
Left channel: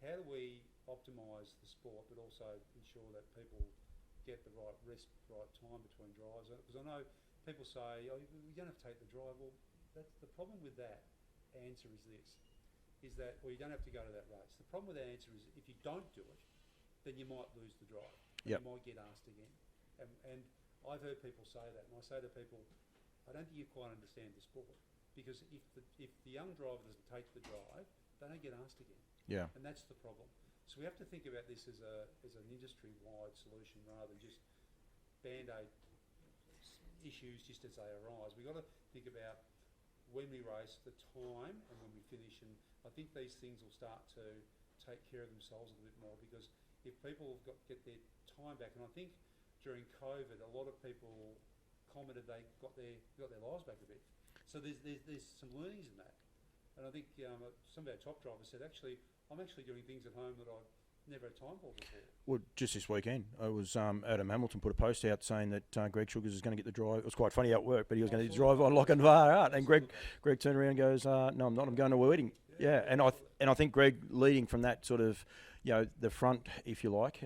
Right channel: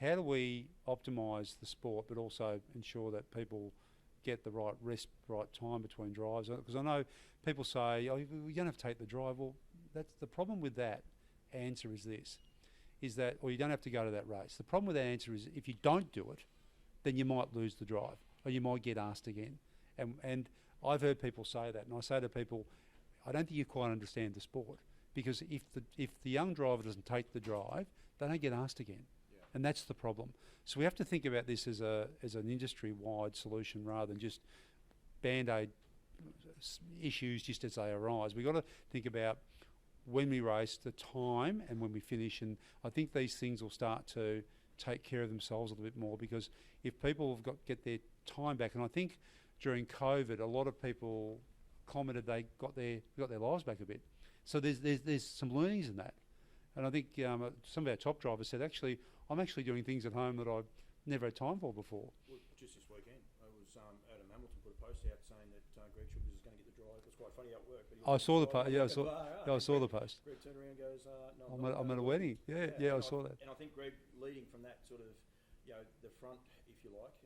How do we optimise the sport, but also ensure that people get the right rest, right time between drives? Because I know people say, we don't have to take the drive. Well, that's the problem with that answer is that, or you don't have to go to that race. The problem with that answer is if you don't do it, then you might lose the drive, or you might get asked again. And I've heard people say that, and I say to people, I don't think you quite understand the sport, because if the young driver doesn't take the drive, they don't get asked again. Yeah. And that's the problem. So we have to think about this as an industry-wide solution rather than just band-aid issues just as they arise. We've got to think about when we race, the time, and when we finish. And I think these things will start to take care of themselves a little bit more, because if people have get their time back, and I think during COVID, a lot of people commented they got their lives back a bit. So there's some learnings in that. And I think some of our top drivers said, actually, I'm actually doing things at home that I've never had time for before. Well, just this weekend, it was Adam Hamilton put a post out saying that Greg Sugars is going to get the drive. It was quite funny how it worked, but he was going to drive on like a VAR out. And Greg turned around and goes, no, I'm not. I'm going to a wedding. And I think Greg leading from that sort of, the front, if you like.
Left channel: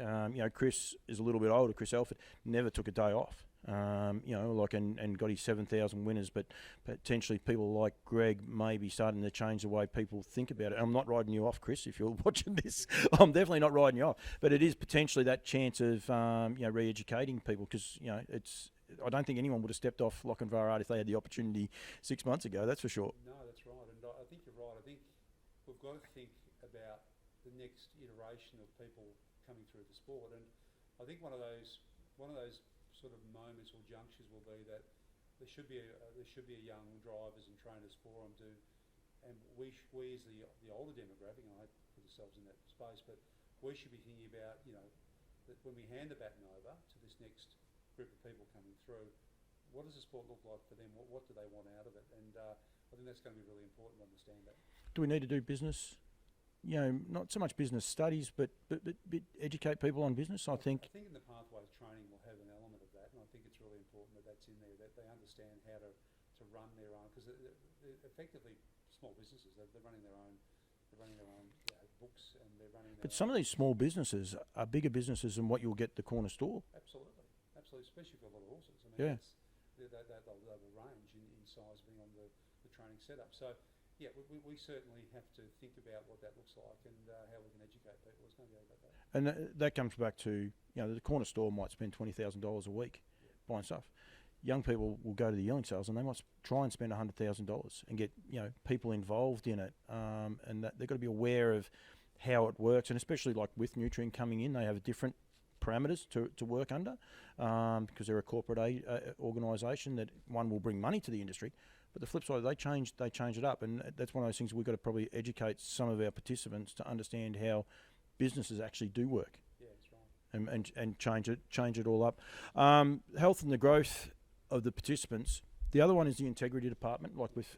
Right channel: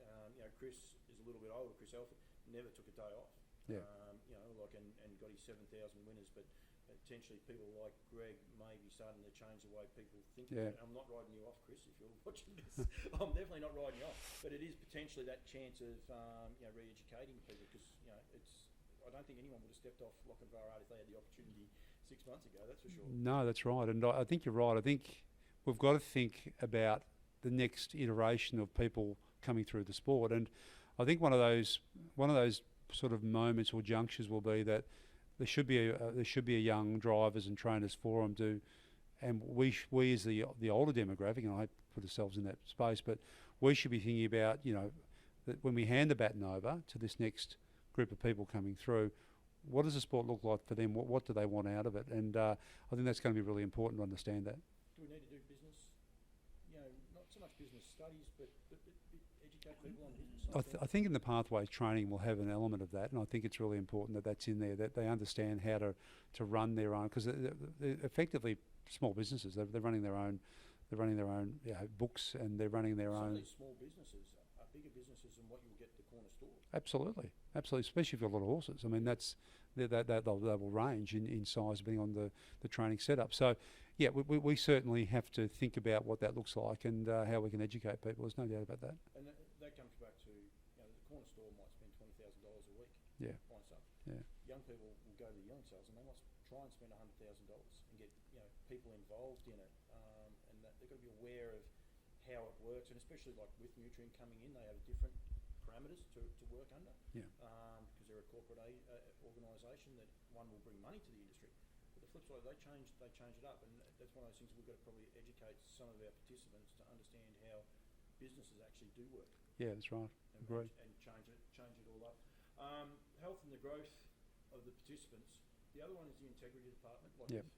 Chris is a little bit older. Chris Elford never took a day off. and got his 7,000 winners, but potentially people like Greg may be starting to change the way people think about it. I'm not riding you off, Chris, if you're watching this. I'm definitely not riding you off, but it is potentially that chance of re-educating people, because I don't think anyone would have stepped off Lochinvar if they had the opportunity 6 months ago. That's for sure. No, that's right, and I think you're right. I think we've got to think about the next iteration of people coming through the sport, and I think one of those sort of moments or junctures will be that there should be a young drivers and trainers forum and we as the older demographic, and I hope put ourselves in that space, but we should be thinking about that when we hand the baton over to this next group of people coming through, what does the sport look like for them? What do they want out of it? And I think that's going to be really important to understand that. Do we need to do business? Not so much business studies, but educate people on business. I think in the pathways training will have an element of that, and I think it's really important that that's in there, that they understand how to run their own, because they're effectively small businesses. They're running their own. They're running their own books, and they're running their own. Some of these small businesses are bigger businesses than what you'll get at the corner store. Absolutely, especially if you've got a lot of horses. I mean, they will range in size depending on the training setup. So. Yeah, we certainly have to think about what that looks like and how we can educate people. There's no doubt about that. And that comes back to, the corner store might spend $20,000 a week buying stuff. Yeah. Young people will go to the yearling sales and they might try and spend $100,000 and get people involved in it, and that they've got to be aware of how it works, and especially like with Nutrien coming in, they have different parameters to work under, because they're a corporate organisation that one will bring money to the industry. But the flip side, they change it up, and that's one of those things we've got to probably educate some of our participants to understand how businesses actually do work. Yeah, that's right. And change it all up. Health and the growth of the participants. The other one is the integrity department.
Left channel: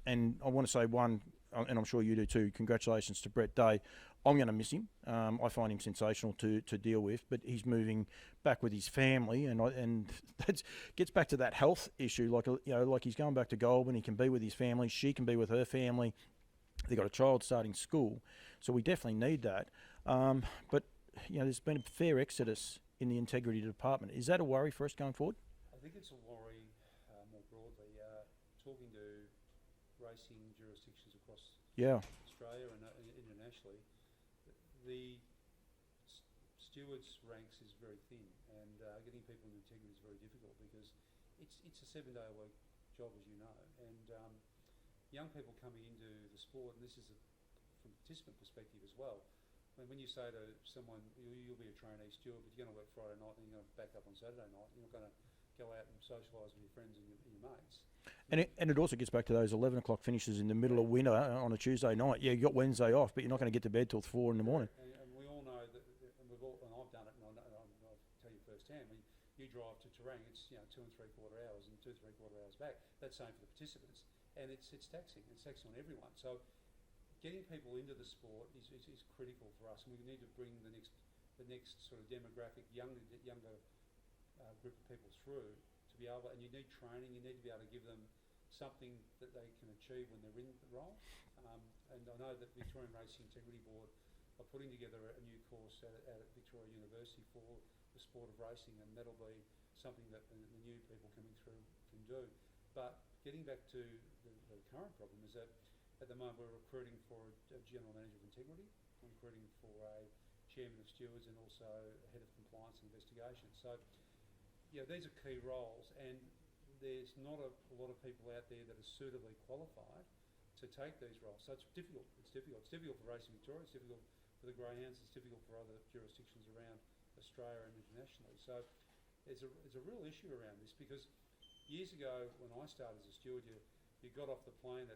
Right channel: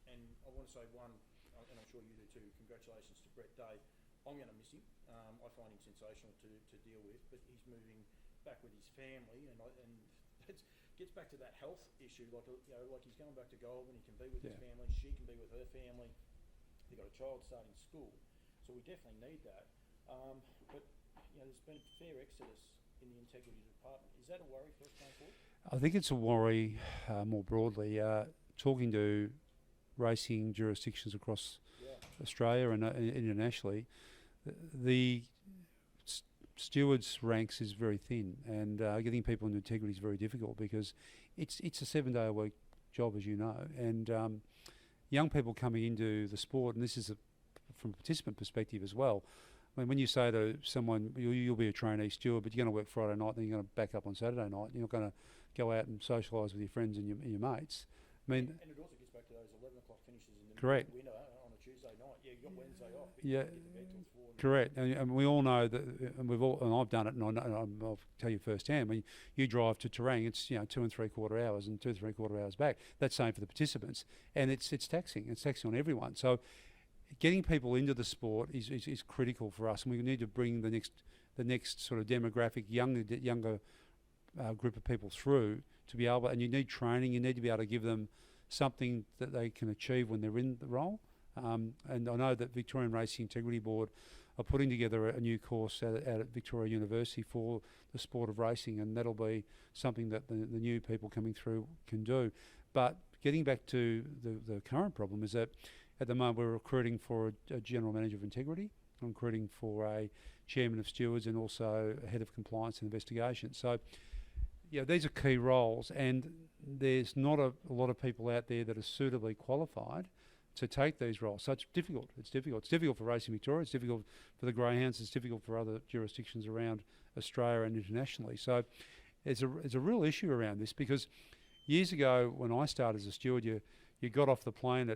And I want to say one, and I'm sure you do too. Congratulations to Brett Day. I'm going to miss him. I find him sensational to deal with, but he's moving back with his family, and that gets back to that health issue. Like he's going back to Goulburn. He can be with his family. She can be with her family. They've got a child starting school, so we definitely need that. But there's been a fair exodus in the integrity department. Is that a worry for us going forward? I think it's a worry more broadly. Talking to racing jurisdictions across Australia and internationally, the stewards ranks is very thin, and getting people into integrity is very difficult because it's a 7-day-a-week job, as you know, and young people coming into the sport, and this is from a participant perspective as well. I mean, when you say to someone, you'll be a trainee steward, but you're going to work Friday night, then you're going to back up on Saturday night, you're not going to go out and socialise with your friends and your mates. And it also gets back to those 11 o'clock finishes in the middle of winter on a Tuesday night. Yeah, you got Wednesday off, but you're not going to get to bed till 4 in the morning. Correct, and we all know that, and I've done it, and I'll tell you firsthand. When you drive to Terang, it's 2 3/4 hours and 2 3/4 hours back. That's same for the participants, and it's taxing. It's taxing on everyone. So, getting people into the sport is critical for us, and we need to bring the next sort of demographic, younger group of people through to be able. And you need training. You need to be able to give them something that they can achieve when they're in the role. And I know that Victorian Racing Integrity Board are putting together a new course out at Victoria University for the sport of racing, and that'll be something that the new people coming through can do. But getting back to the current problem is that at the moment we're recruiting for a general manager of integrity, I'm recruiting for a chairman of stewards, and also a head of compliance and investigation. So these are key roles, and there's not a lot of people out there that are suitably qualified to take these roles. So it's difficult. It's difficult for Racing Victoria. It's difficult for the Greyhounds. It's difficult for other jurisdictions around Australia and internationally. So there's a real issue around this, because years ago when I started as a steward, you got off the plane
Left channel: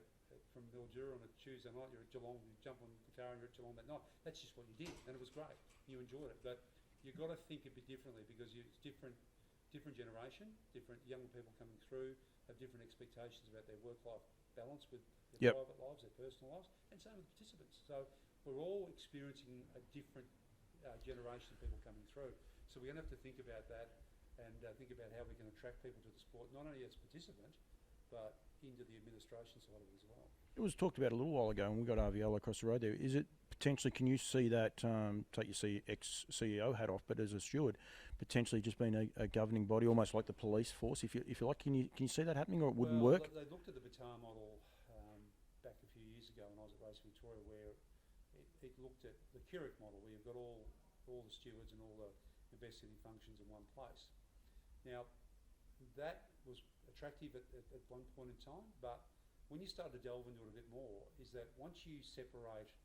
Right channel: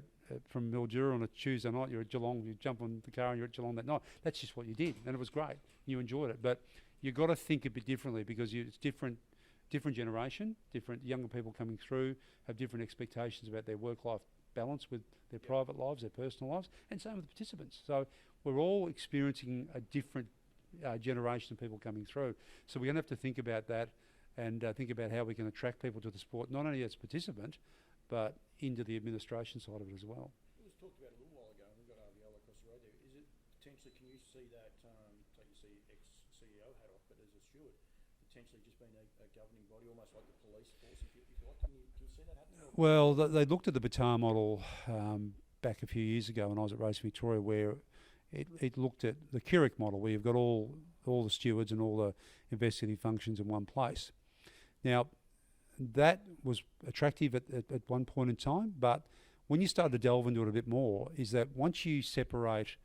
from Mildura on a Tuesday night. You're at Geelong. You jump on the car and you're at Geelong that night. That's just what you did, and it was great. You enjoyed it, but you've got to think a bit differently, because it's different generation, different younger people coming through have different expectations about their work-life balance with their private lives, their personal lives, and same with the participants. So we're all experiencing a different generation of people coming through. So we're going to have to think about that, and think about how we can attract people to the sport, not only as a participant, but into the administration side of it as well. It was talked about a little while ago, and we got RVL across the road there. Is it potentially, can you see that, take your ex-CEO hat off, but as a steward, potentially just being a governing body, almost like the police force, if you like. Can you see that happening? Or it wouldn't Well, work? they looked at the Batar model back a few years ago when I was at Racing Victoria, where it looked at the Keurig model, where you've got all the stewards and all the investigative functions in one place. Now, that was attractive at one point in time, but when you start to delve into it a bit more, is that once you separate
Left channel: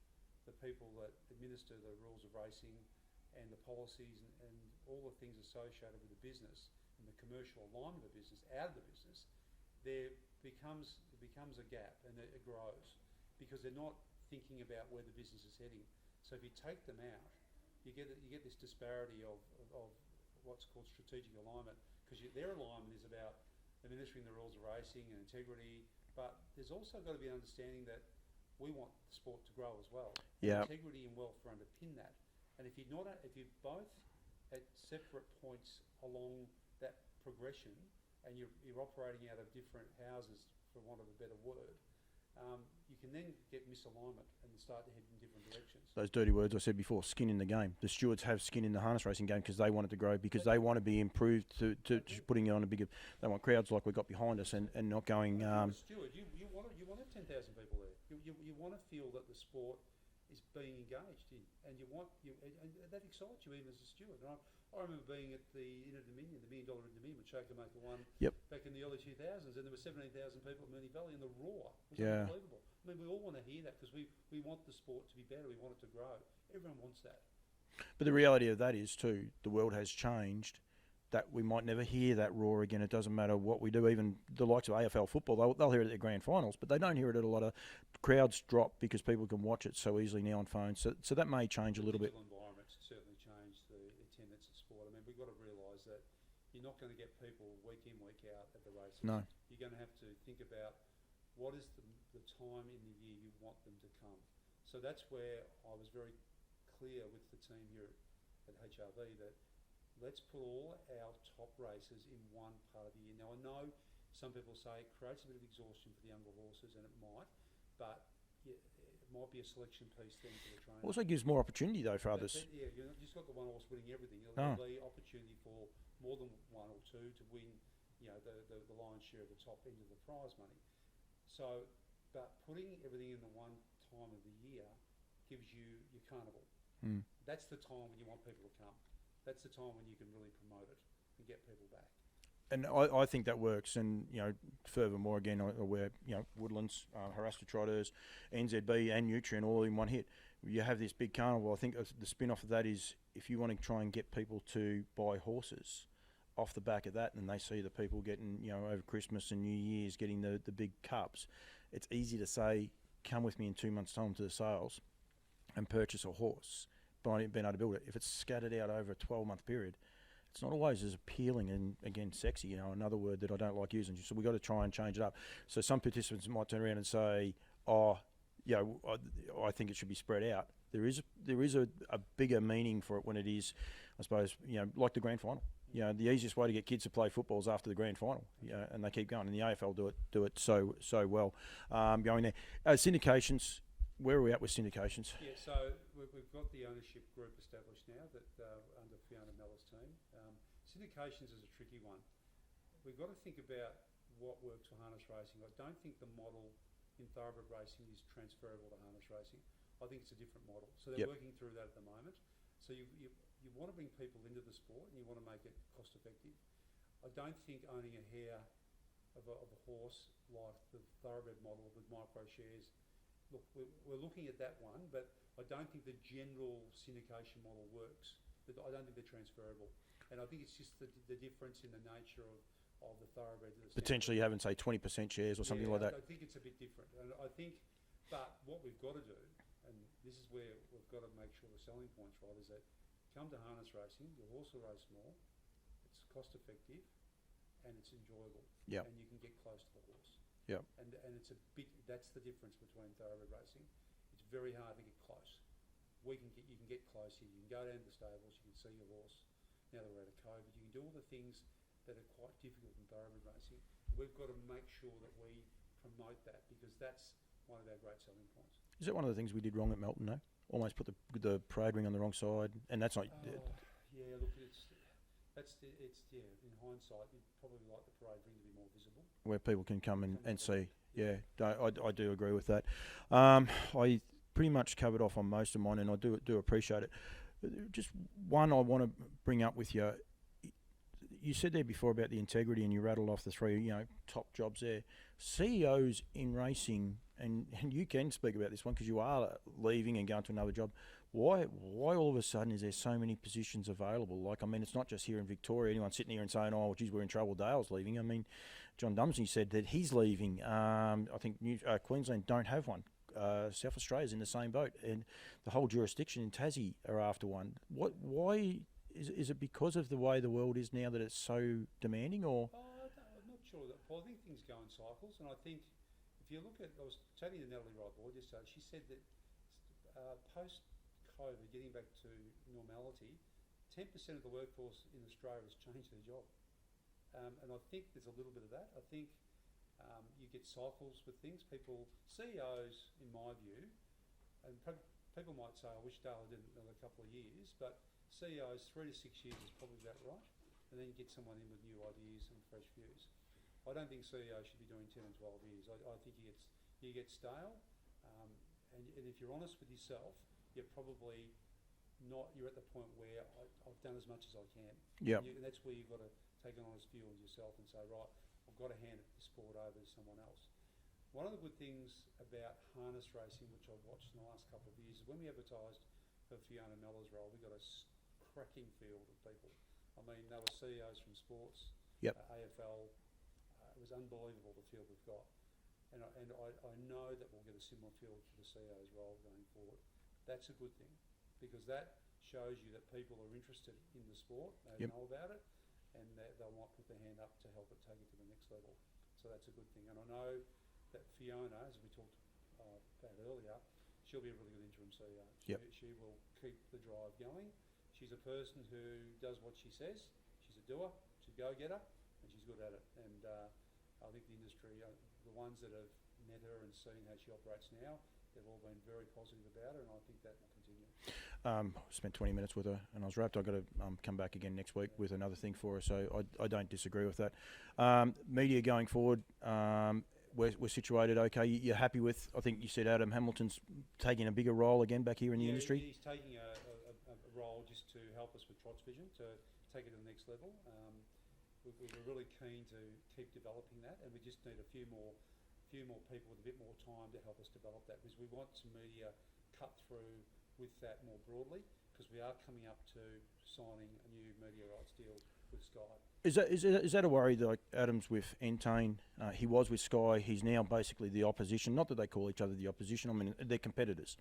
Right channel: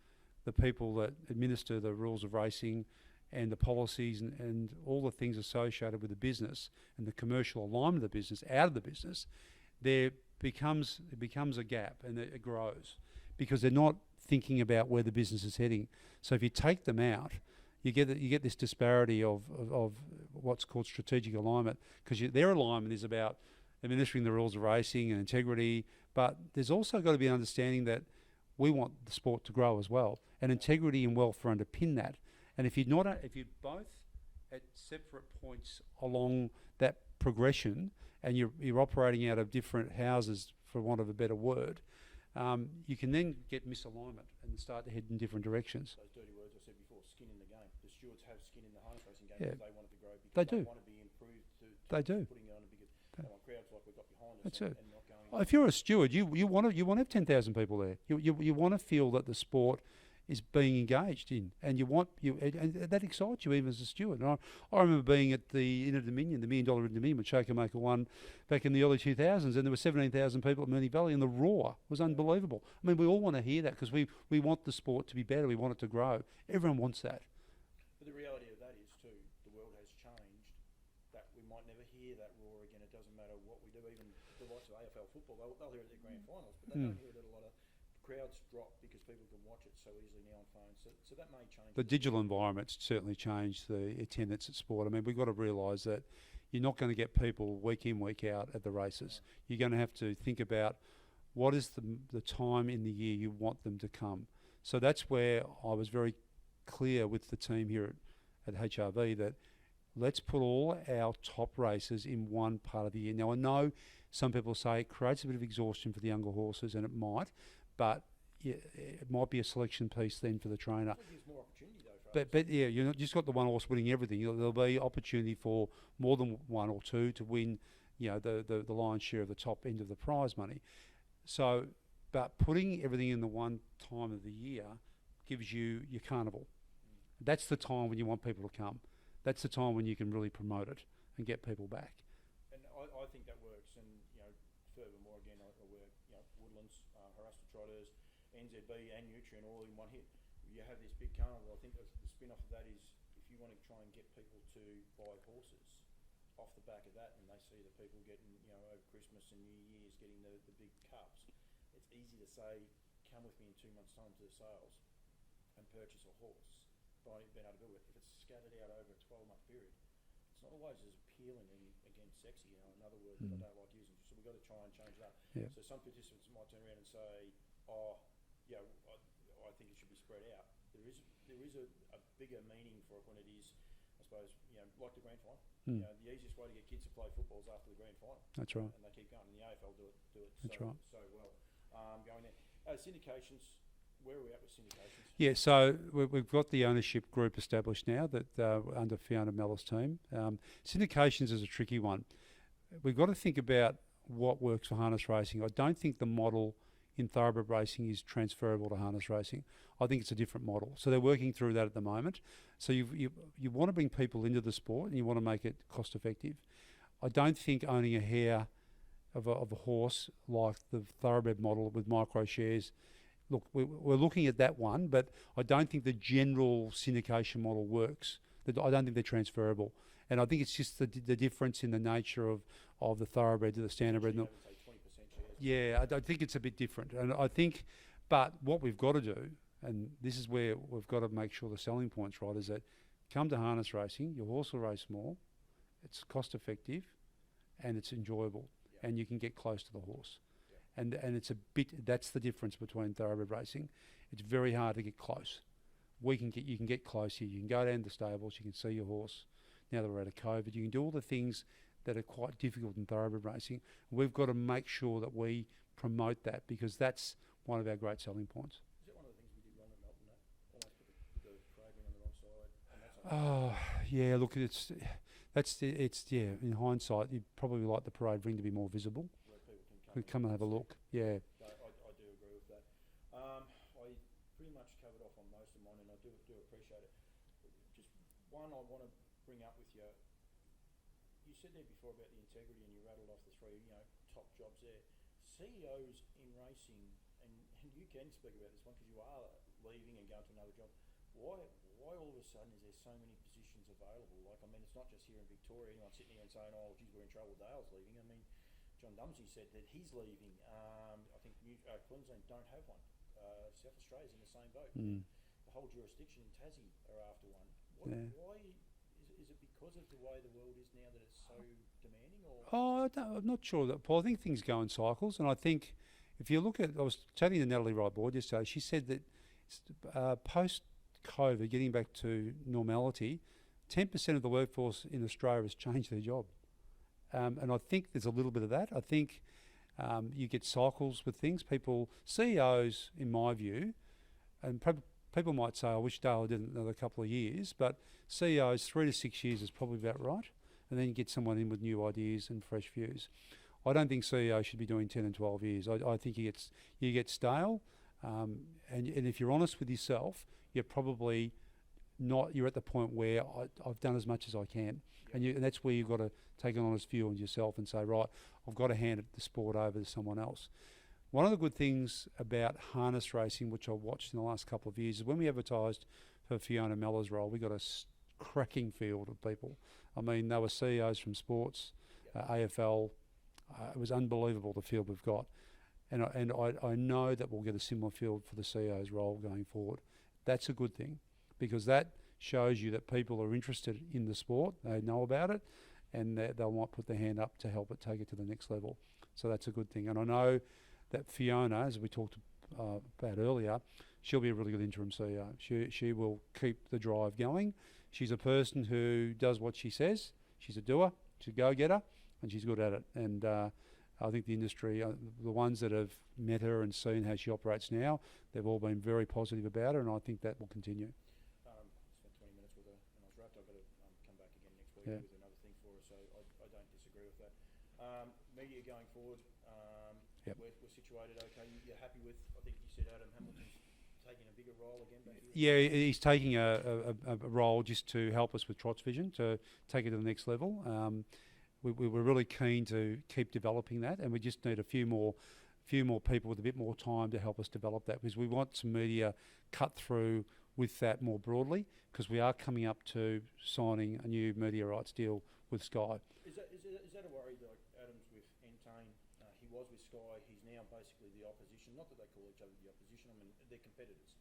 the people that administer the rules of racing and the policies and all the things associated with the business and the commercial alignment of the business out of the business, it becomes a gap, and it grows because they're not thinking about where the business is heading. So if you take them out, you get this disparity of what's called strategic alignment, because their alignment is about administering the rules of racing and integrity, but there's also got to be an understanding that we want the sport to grow as well, and integrity and welfare underpin that. And if you're both at separate points along that progression, and you're operating out of different houses, for want of a better word, you can then get misalignment and start to head in different directions. Those dirty words I said before, skin in the game. The stewards have skin in the harness racing game because they want it to grow, because they want to be improved to just putting it on a bigger. They want crowds like we've got behind us and not going. Well, if you're a steward, you want to have 10,000 people there. You want to feel that the sport is being engaged in, and and that excites you even as a steward. And I remember being at the Inter-Dominion, the $1 million Inter-Dominion, which Shaker-Maker won back in the early 2000s, and there were 17,000 people at Moonee Valley, and the roar was unbelievable. I mean, we all want to hear that because we want the sport to be better, we want it to grow. Everyone wants that. But the reality of that is too, the world has changed, that we might never hear that roar again. It doesn't matter what we do. Even the likes of AFL football, they'll hear it at their grand finals, but they don't hear it at a lot of crowds drop because people can watch it so easily now on phones. So that may change a little bit. The digital environment's certainly changed the attendance at sport. I mean, we've got to realise that you're not going to get people week in, week out at the races. No. You're going to have to think about what is the time in the year you want them to come. So that's where I was very clear with the team here at HRV that let's put all our top races in one part of the year. Now, I know some people say it creates a bit of exhaustion for the younger horses, and it might, but it might be a selection piece then for the trainer. It also gives more opportunity, though, for others. But yeah, you're not just got the one horse winning everything. There'll be opportunity for more than one or two to win, the lion's share of the top end of the prize money. So, but putting everything in the one time of the year gives you your carnival. That's the time when you want people to come. That's the time when you can really promote it and get people back. And I think that works. And, furthermore, again, where, Woodlands, Harasta Trotters, NZB and Nutrien all in one hit. You have this big carnival. I think the spin-off of that is if you want to try and get people to buy horses off the back of that, and they see the people getting, over Christmas and New Year's getting the big cups, it's easy to say, come with me in 2 months' time to the sales and purchase a horse, being able to build it. If it's scattered out over a 12-month period, it's not always as appealing and, again, sexy, another word that I don't like using. So we've got to try and change it up. Yeah. So some participants might turn around and say, I think it should be spread out. There is a bigger meaning for it when it is, I suppose, like the grand final. The easiest way to get kids to play football is after the grand final. That's right. And they keep going. And the AFL do it so well. Going there. Syndications. Where are we at with syndications? Yeah, so we've got the ownership group established now that under Fiona Mellor's team. Syndications is a tricky one. We've got to think about what works for harness racing. I don't think the model in thoroughbred racing is transferable to harness racing. I think it's a different model. So they're working through that at the moment. So you want to bring people into the sport and you want to make it cost effective. I don't think owning a hare of a horse like the thoroughbred model with micro shares. Look, we're looking at that one, but I don't think the general syndication model works. I don't think they're transferable. And I think it's just the difference in the nature of the thoroughbred to the standard. Potentially having, say, 20% shares or something like that. Yeah, I think it's a bit different. And I think, but what we've got to do, and this is where we've got to make sure the selling point's right, is that come to harness racing, your horse will race more, it's cost effective, and it's enjoyable. Yep. And you can get close to the horse. Yeah, and it's a bit. That's the difference between thoroughbred racing. It's very hard to get close. You can get close here. You can go down to the stables. You can see your horse. Now that we're out of COVID, you can do all the things that are quite difficult in thoroughbred racing. We've got to make sure that we promote that because that's one of our great selling points. Is that one of the things we did wrong at Melton? Almost put the parade ring on the wrong side, and that's not. Oh yeah, look, In hindsight, you'd probably like the parade ring to be more visible. Where people can come and have see. a look. Yeah. I do agree with that. I pretty much covered off on most of mine, and I do appreciate it. Just one I want to bring up with you. You said there before about the integrity, and you rattled off the three, top jobs there. CEOs in racing, and you can speak about this one because you are leaving and going to another job. Why all of a sudden is there so many positions available? Like, I mean, it's not just here in Victoria. Anyone sitting here and saying, "Oh, geez, we're in trouble. Dale's leaving." I mean, John Dumsney said that he's leaving. I think Queensland don't have one. South Australia's in the same boat, and the whole jurisdiction in Tassie are after one. Why is it because of the way the world is now that it's so demanding, or? I'm not sure that, Paul. I think things go in cycles, and I think if you look at, I was chatting to Natalie Wright-Boyd yesterday. She said that post-COVID, getting back to normality, 10% of the workforce in Australia has changed their job, and I think there's a little bit of that. I think you get cycles with things. CEOs, in my view, and people might say, "I wish Dayle did another couple of years," but CEOs, 3 to 6 years is probably about right, and then you get someone in with new ideas and fresh views. I don't think CEOs should be doing 10 and 12 years. I think you get stale, and if you're honest with yourself, you're probably not. You're at the point where I've done as much as I can, and that's where you've got to take an honest view on yourself and say, right, I've got to hand the sport over to someone else. One of the good things about harness racing, which I've watched in the last couple of years, is when we advertised for Fiona Mellor's role, we got a cracking field of people. I mean, they were CEOs from sports, AFL. It was unbelievable, the field we've got. And I know that we'll get a similar field for the CEO's role going forward. That's a good thing, because that shows you that people are interested in the sport, they know about it, and they might put their hand up to help it take it to the next level. So that's a good thing. And I know that Fiona, as we talked about earlier, she'll be a really good interim CEO. She will keep the drive going. She's a person who does what she says. She's a doer. She's a go-getter, and she's good at it. And I think the industry, the ones that have met her and seen how she operates now, they've all been very positive about her, and I think that will continue. Spent 20 minutes with her, and I was wrapped. I've got to come back again next week with another thing for her, so I don't disagree with that. Media going forward, we're situated okay. You're happy with, I think you said Adam Hamilton's taking a bigger role again back here in the industry? Yeah, he's taking a role just to help us with Trots Vision, to take it to the next level. We were really keen to keep developing that, and we just need a few more people with a bit more time to help us develop that, because we want some media cut through with that more broadly, because we are coming up to signing a new media rights deal with Sky. Is that a worry? Like Adam's with Entain, he was with Sky. He's now basically the opposition. Not that they call each other the opposition. I mean, they're competitors.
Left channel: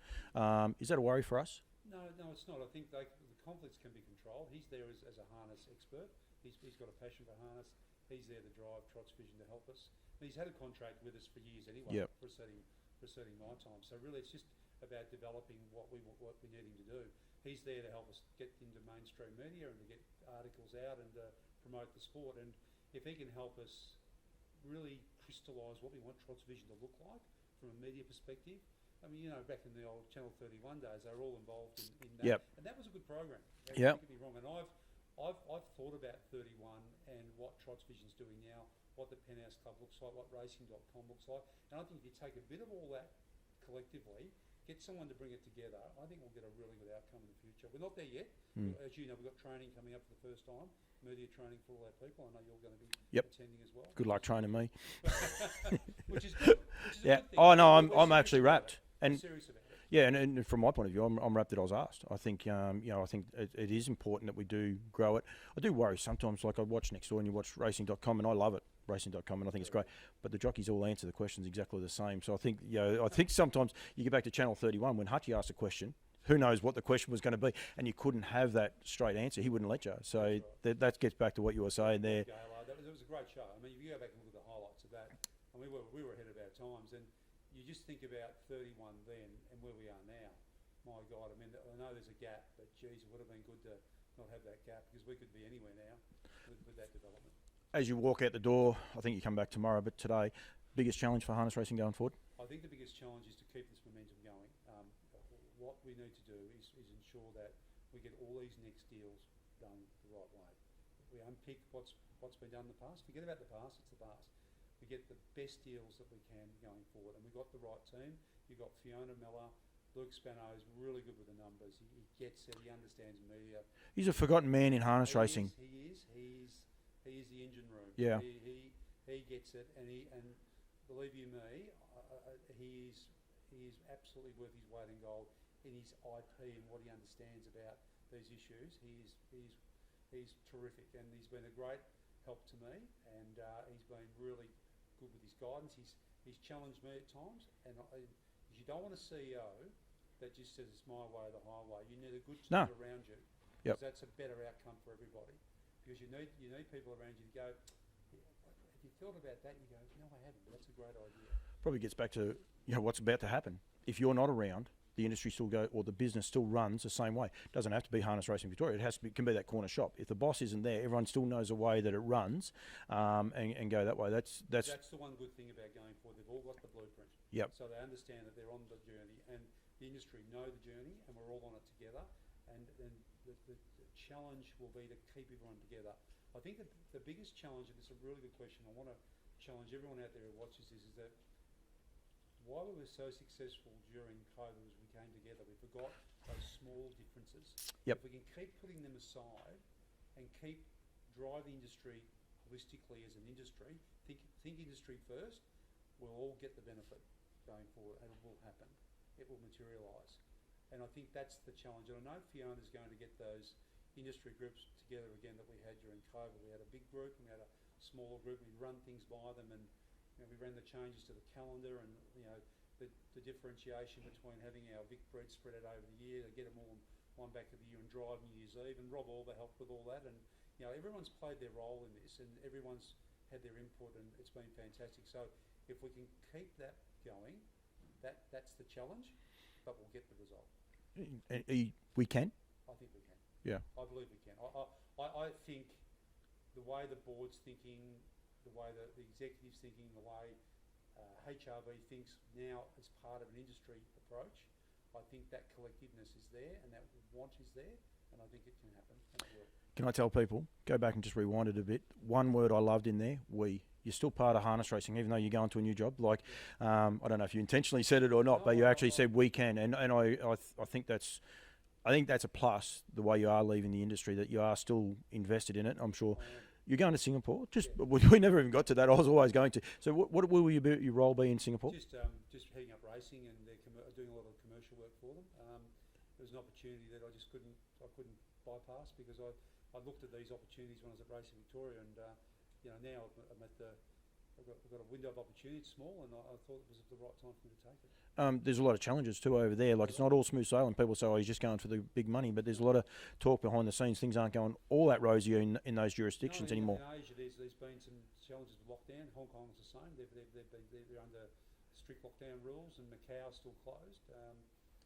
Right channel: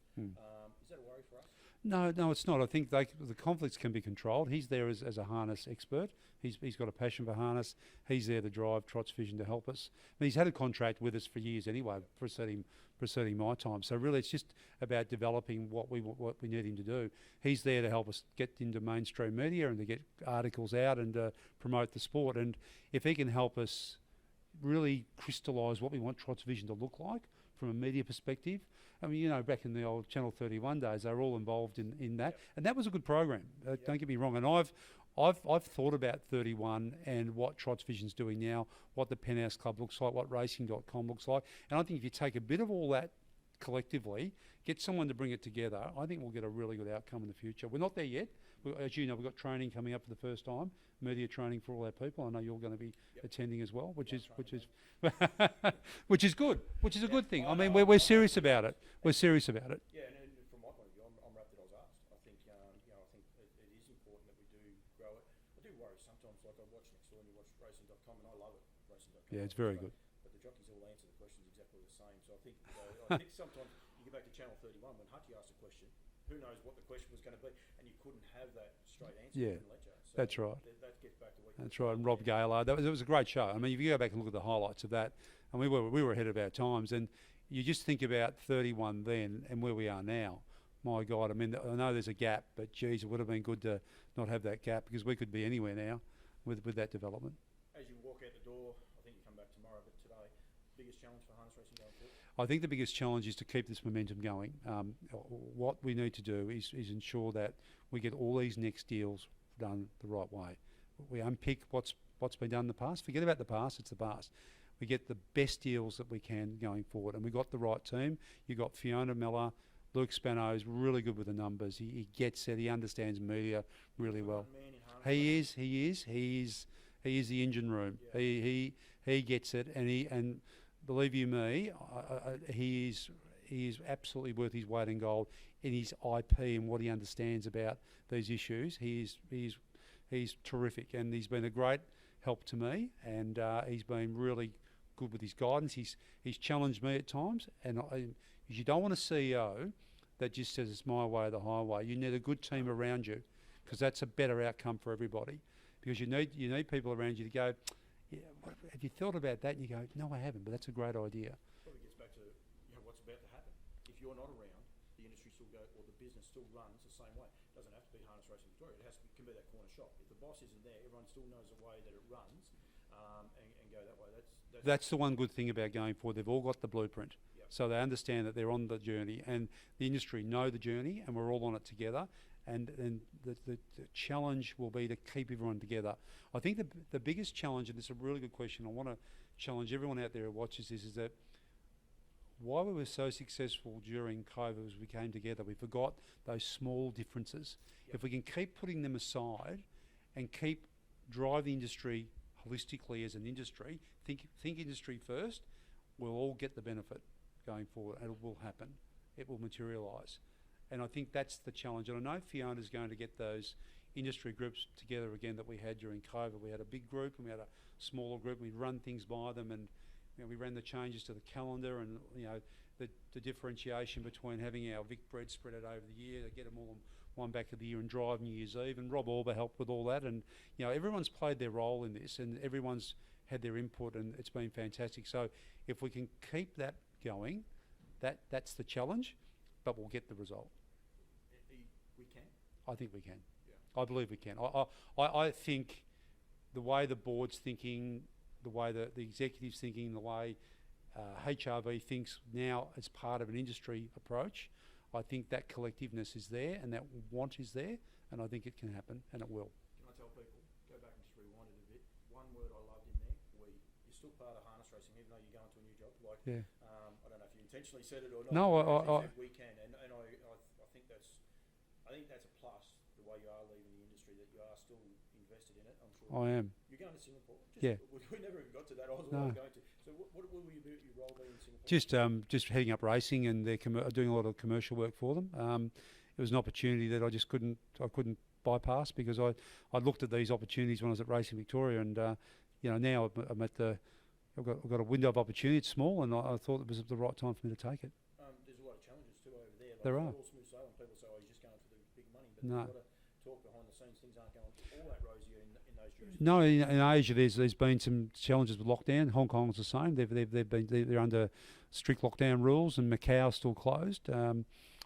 Is that a worry for us? No, it's not. I think the conflicts can be controlled. He's there as a harness expert. He's got a passion for harness. He's there to drive Trots Vision to help us. I mean, he's had a contract with us for years anyway, preceding my time. So really, it's just about developing what we need him to do. He's there to help us get into mainstream media and to get articles out and to promote the sport. And if he can help us really crystallise what we want Trots Vision to look like from a media perspective. I mean, back in the old Channel 31 days, they were all involved in that, and that was a good program. Don't get me wrong. And I've thought about 31 and what Trots Vision's doing now, what the Penthouse Club looks like, what Racing.com looks like, and I think if you take a bit of all that collectively, get someone to bring it together, I think we'll get a really good outcome in the future. We're not there yet. As you know, we've got training coming up for the first time, media training for all our people. I know you're going to be attending as well. Good luck training me. Which is good. Which is a good thing. Oh, no, we're I'm serious about wrapped. it. We're serious about it. Yeah, and from my point of view, I'm wrapped that I was asked. I think, I think it is important that we do grow it. I do worry sometimes, like I watch next door and you watch Racing.com, and I love it, Racing.com, and I think it's great. Good. But the jockeys all answer the questions exactly the same. So I think, I think sometimes you get back to Channel 31 when Hutchie asked a question, who knows what the question was going to be, and you couldn't have that straight answer. He wouldn't let you. So that's right. That gets back to what you were saying there. Rob Gaylard, it was a great show. I mean, if you go back and look at the highlights of that, and we were ahead of our times, and you just think about 31 then and where we are now. My God, I mean, I know there's a gap, but geez, it would have been good to not have that gap, because we could be anywhere now with that development. As you walk out the door, I think you come back tomorrow, but today, biggest challenge for harness racing going forward? I think the biggest challenge is to keep this momentum going. What we need to do is ensure that we get all these next deals done the right way. we unpick what's been done in the past. Forget about the past; it's the past. We get the best deals that we can going forward, and we got the right team. You got Fiona Miller, Luke Spano's really good with the numbers. He gets it. He understands media. He's really a forgotten man in harness racing. He is the engine room. Yeah. He gets it, and believe you me, he is absolutely worth his weight in gold in his IP and what he understands about these issues. He's terrific, and he's been a great help to me, and he's been really good with his guidance. He's challenged me at times, and you don't want a CEO that just says it's my way or the highway. You need a good team around you, because that's a better outcome for everybody. Because you need people around you to go, yeah, have you thought about that? And you go, no, I haven't, but that's a great idea. Probably gets back to what's about to happen. If you're not around, the industry still or the business still runs the same way. It doesn't have to be Harness Racing Victoria. It can be that corner shop. If the boss isn't there, everyone still knows the way that it runs, and go that way. That's the one good thing about going forward. They've all got the blueprint. Yep. So they understand that they're on the journey, and the industry know the journey, and we're all on it together. And the challenge will be to keep everyone together. I think the biggest challenge, and it's a really good question, I want to challenge everyone out there who watches this, is that why we were so successful during COVID was we came together. We forgot those small differences. Yep. If we can keep putting them aside and keep drive the industry holistically as an industry, think industry first, we'll all get the benefit going forward, and it will happen. It will materialise. And I think that's the challenge. And I know Fiona's going to get those industry groups together again that we had during COVID. We had a big group and we had a smaller group. We'd run things by them, and we ran the changes to the calendar, and the differentiation between having our Vic bread spread out over the year, to get them all on one back of the year and drive New Year's Eve. And Rob Orber helped with all that. And everyone's played their role in this, and everyone's had their input, and it's been fantastic. So if we can keep that going, that's the challenge, but we'll get the result. We can? I think we can. Yeah. I believe we can. I think the way the board's thinking, the way the executive's thinking, the way HRV thinks now as part of an industry approach, I think that collectiveness is there, and that want is there, and I think it can happen, and it will. Can I tell people, go back and just rewind it a bit, one word I loved in there, we. You're still part of harness racing, even though you're going to a new job. I don't know if you intentionally said it or not, but you actually said we can, and I think that's a plus, the way you are leaving the industry, that you are still invested in it. I'm sure I am. You're going to Singapore. We never even got to that. I was always going to. So what will your role be in Singapore? Just heading up racing, and they're doing a lot of commercial work for them. It was an opportunity that I couldn't bypass, because I looked at these opportunities when I was at Racing Victoria, and now I've got a window of opportunity. It's small, and I thought it was the right time for me to take it. There's a lot of challenges too over there. It's not all smooth sailing. People say, "Oh, he's just going for the big money," but there's a lot of talk behind the scenes. Things aren't going all that rosy in those jurisdictions. No, in Asia, there's been some challenges with lockdown. Hong Kong's the same. They're under strict lockdown rules, and Macau's still closed.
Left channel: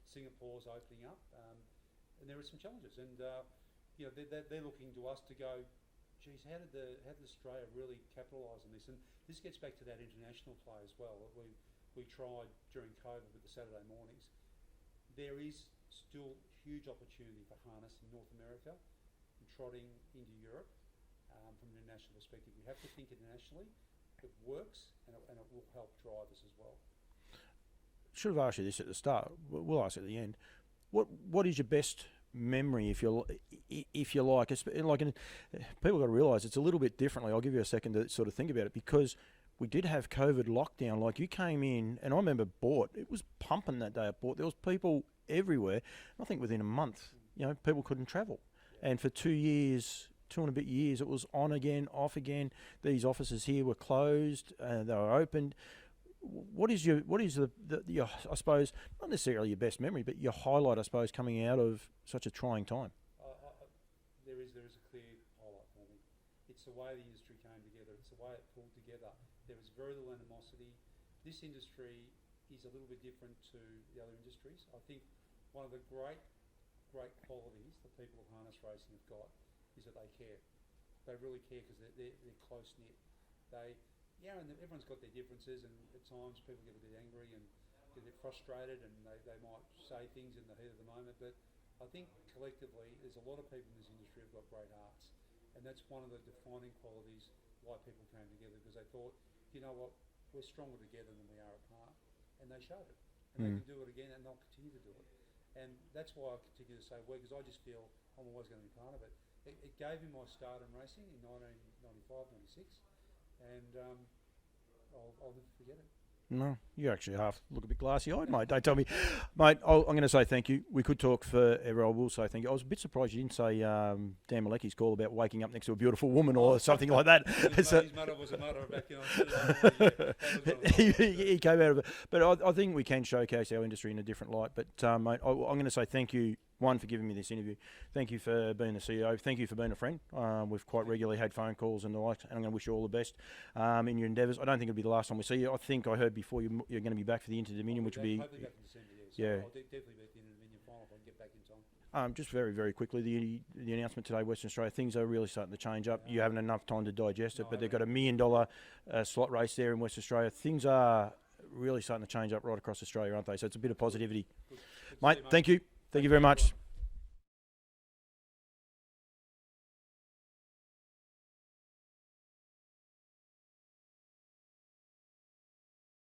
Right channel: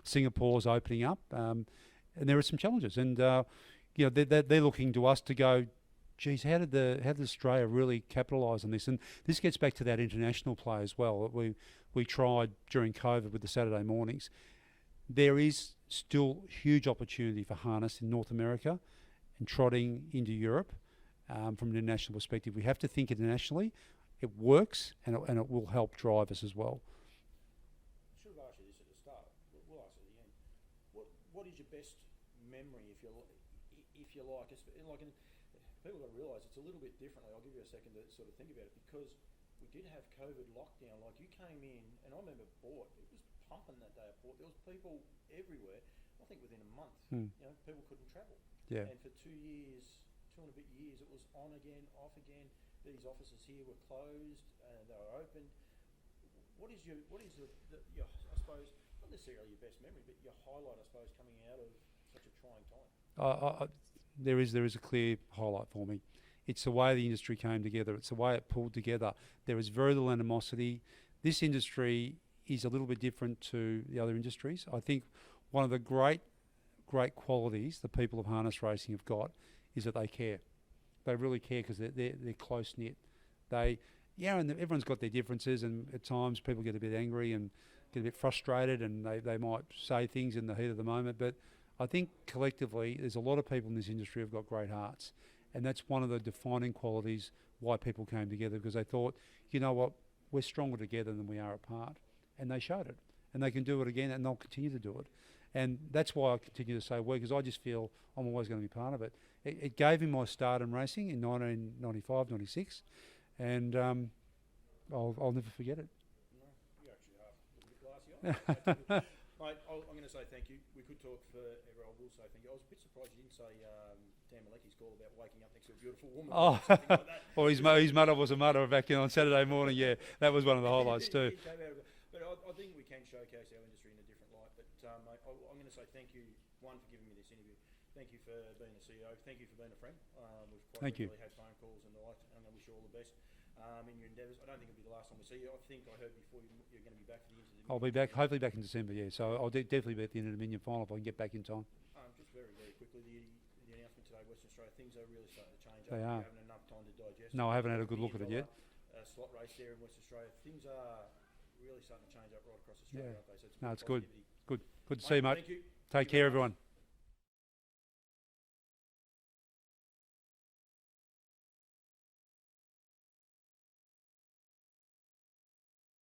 Singapore's opening up, and there are some challenges. And they're looking to us to go, geez, how did Australia really capitalise on this? And this gets back to that international play as well. We tried during COVID with the Saturday mornings. There is still huge opportunity for harness in North America and trotting into Europe from an international perspective. We have to think internationally. It works, and it will help drive us as well. Should have asked you this at the start. We'll ask at the end. What is your best memory, if you like? People got to realise it's a little bit differently. I'll give you a second to sort of think about it, because we did have COVID lockdown. Like, you came in, and I remember Bort. It was pumping that day at Bort. There was people everywhere. I think within a month, people couldn't travel. Yeah. And for 2 years, 2 and a bit years, it was on again, off again. These offices here were closed. They were opened. What is your I suppose, not necessarily your best memory, but your highlight, I suppose, coming out of such a trying time? There is a clear highlight for me. It's the way the industry came together. It's the way it pulled together. There is very little animosity. This industry is a little bit different to the other industries. I think one of the great qualities the people of harness racing have got is that they care. They really care, because they're close knit. And everyone's got their differences, and at times people get a bit angry and get a bit frustrated, and they might say things in the heat of the moment. But I think collectively, there's a lot of people in this industry who've got great hearts, And that's one of the defining qualities why people came together, because they thought, you know what, we're stronger together than we are apart. And they showed it. And they can do it again, and they'll continue to do it. And that's why I continue to say we, because I just feel I'm always going to be part of it. It gave me my start in racing in 1995, 96, and I'll never forget it. No, you actually look a bit glassy-eyed, mate. Don't tell me. Mate, I'm going to say thank you. We could talk forever. I will say thank you. I was a bit surprised you didn't say Dan Malecki's call about waking up next to a beautiful woman or something like that. Or his mother was a mother back in on Saturday morning. Yeah, that was one of the highlights too. He came out of it. But I think we can showcase our industry in a different light. But, mate, I'm going to say thank you, one, for giving me this interview. Thank you for being the CEO. Thank you for being a friend. We've quite regularly had phone calls and the like, and I'm going to wish you all the best in your endeavours. I don't think it'll be the last time we see you. I think I heard before you're going to be back for the Inter-Dominion. I'll be back, hopefully back in December, yeah. So I'll definitely be at the Inter-Dominion final if I can get back in time. Just very, very quickly, the announcement today, Western Australia, things are really starting to change up. You haven't enough time to digest it, but they've got $1 million slot race there in Western Australia. Things are really starting to change up right across Australia, aren't they? So it's a bit of positivity. Good to mate, see you, mate. Thank you. Thank you Take very care, much. everyone.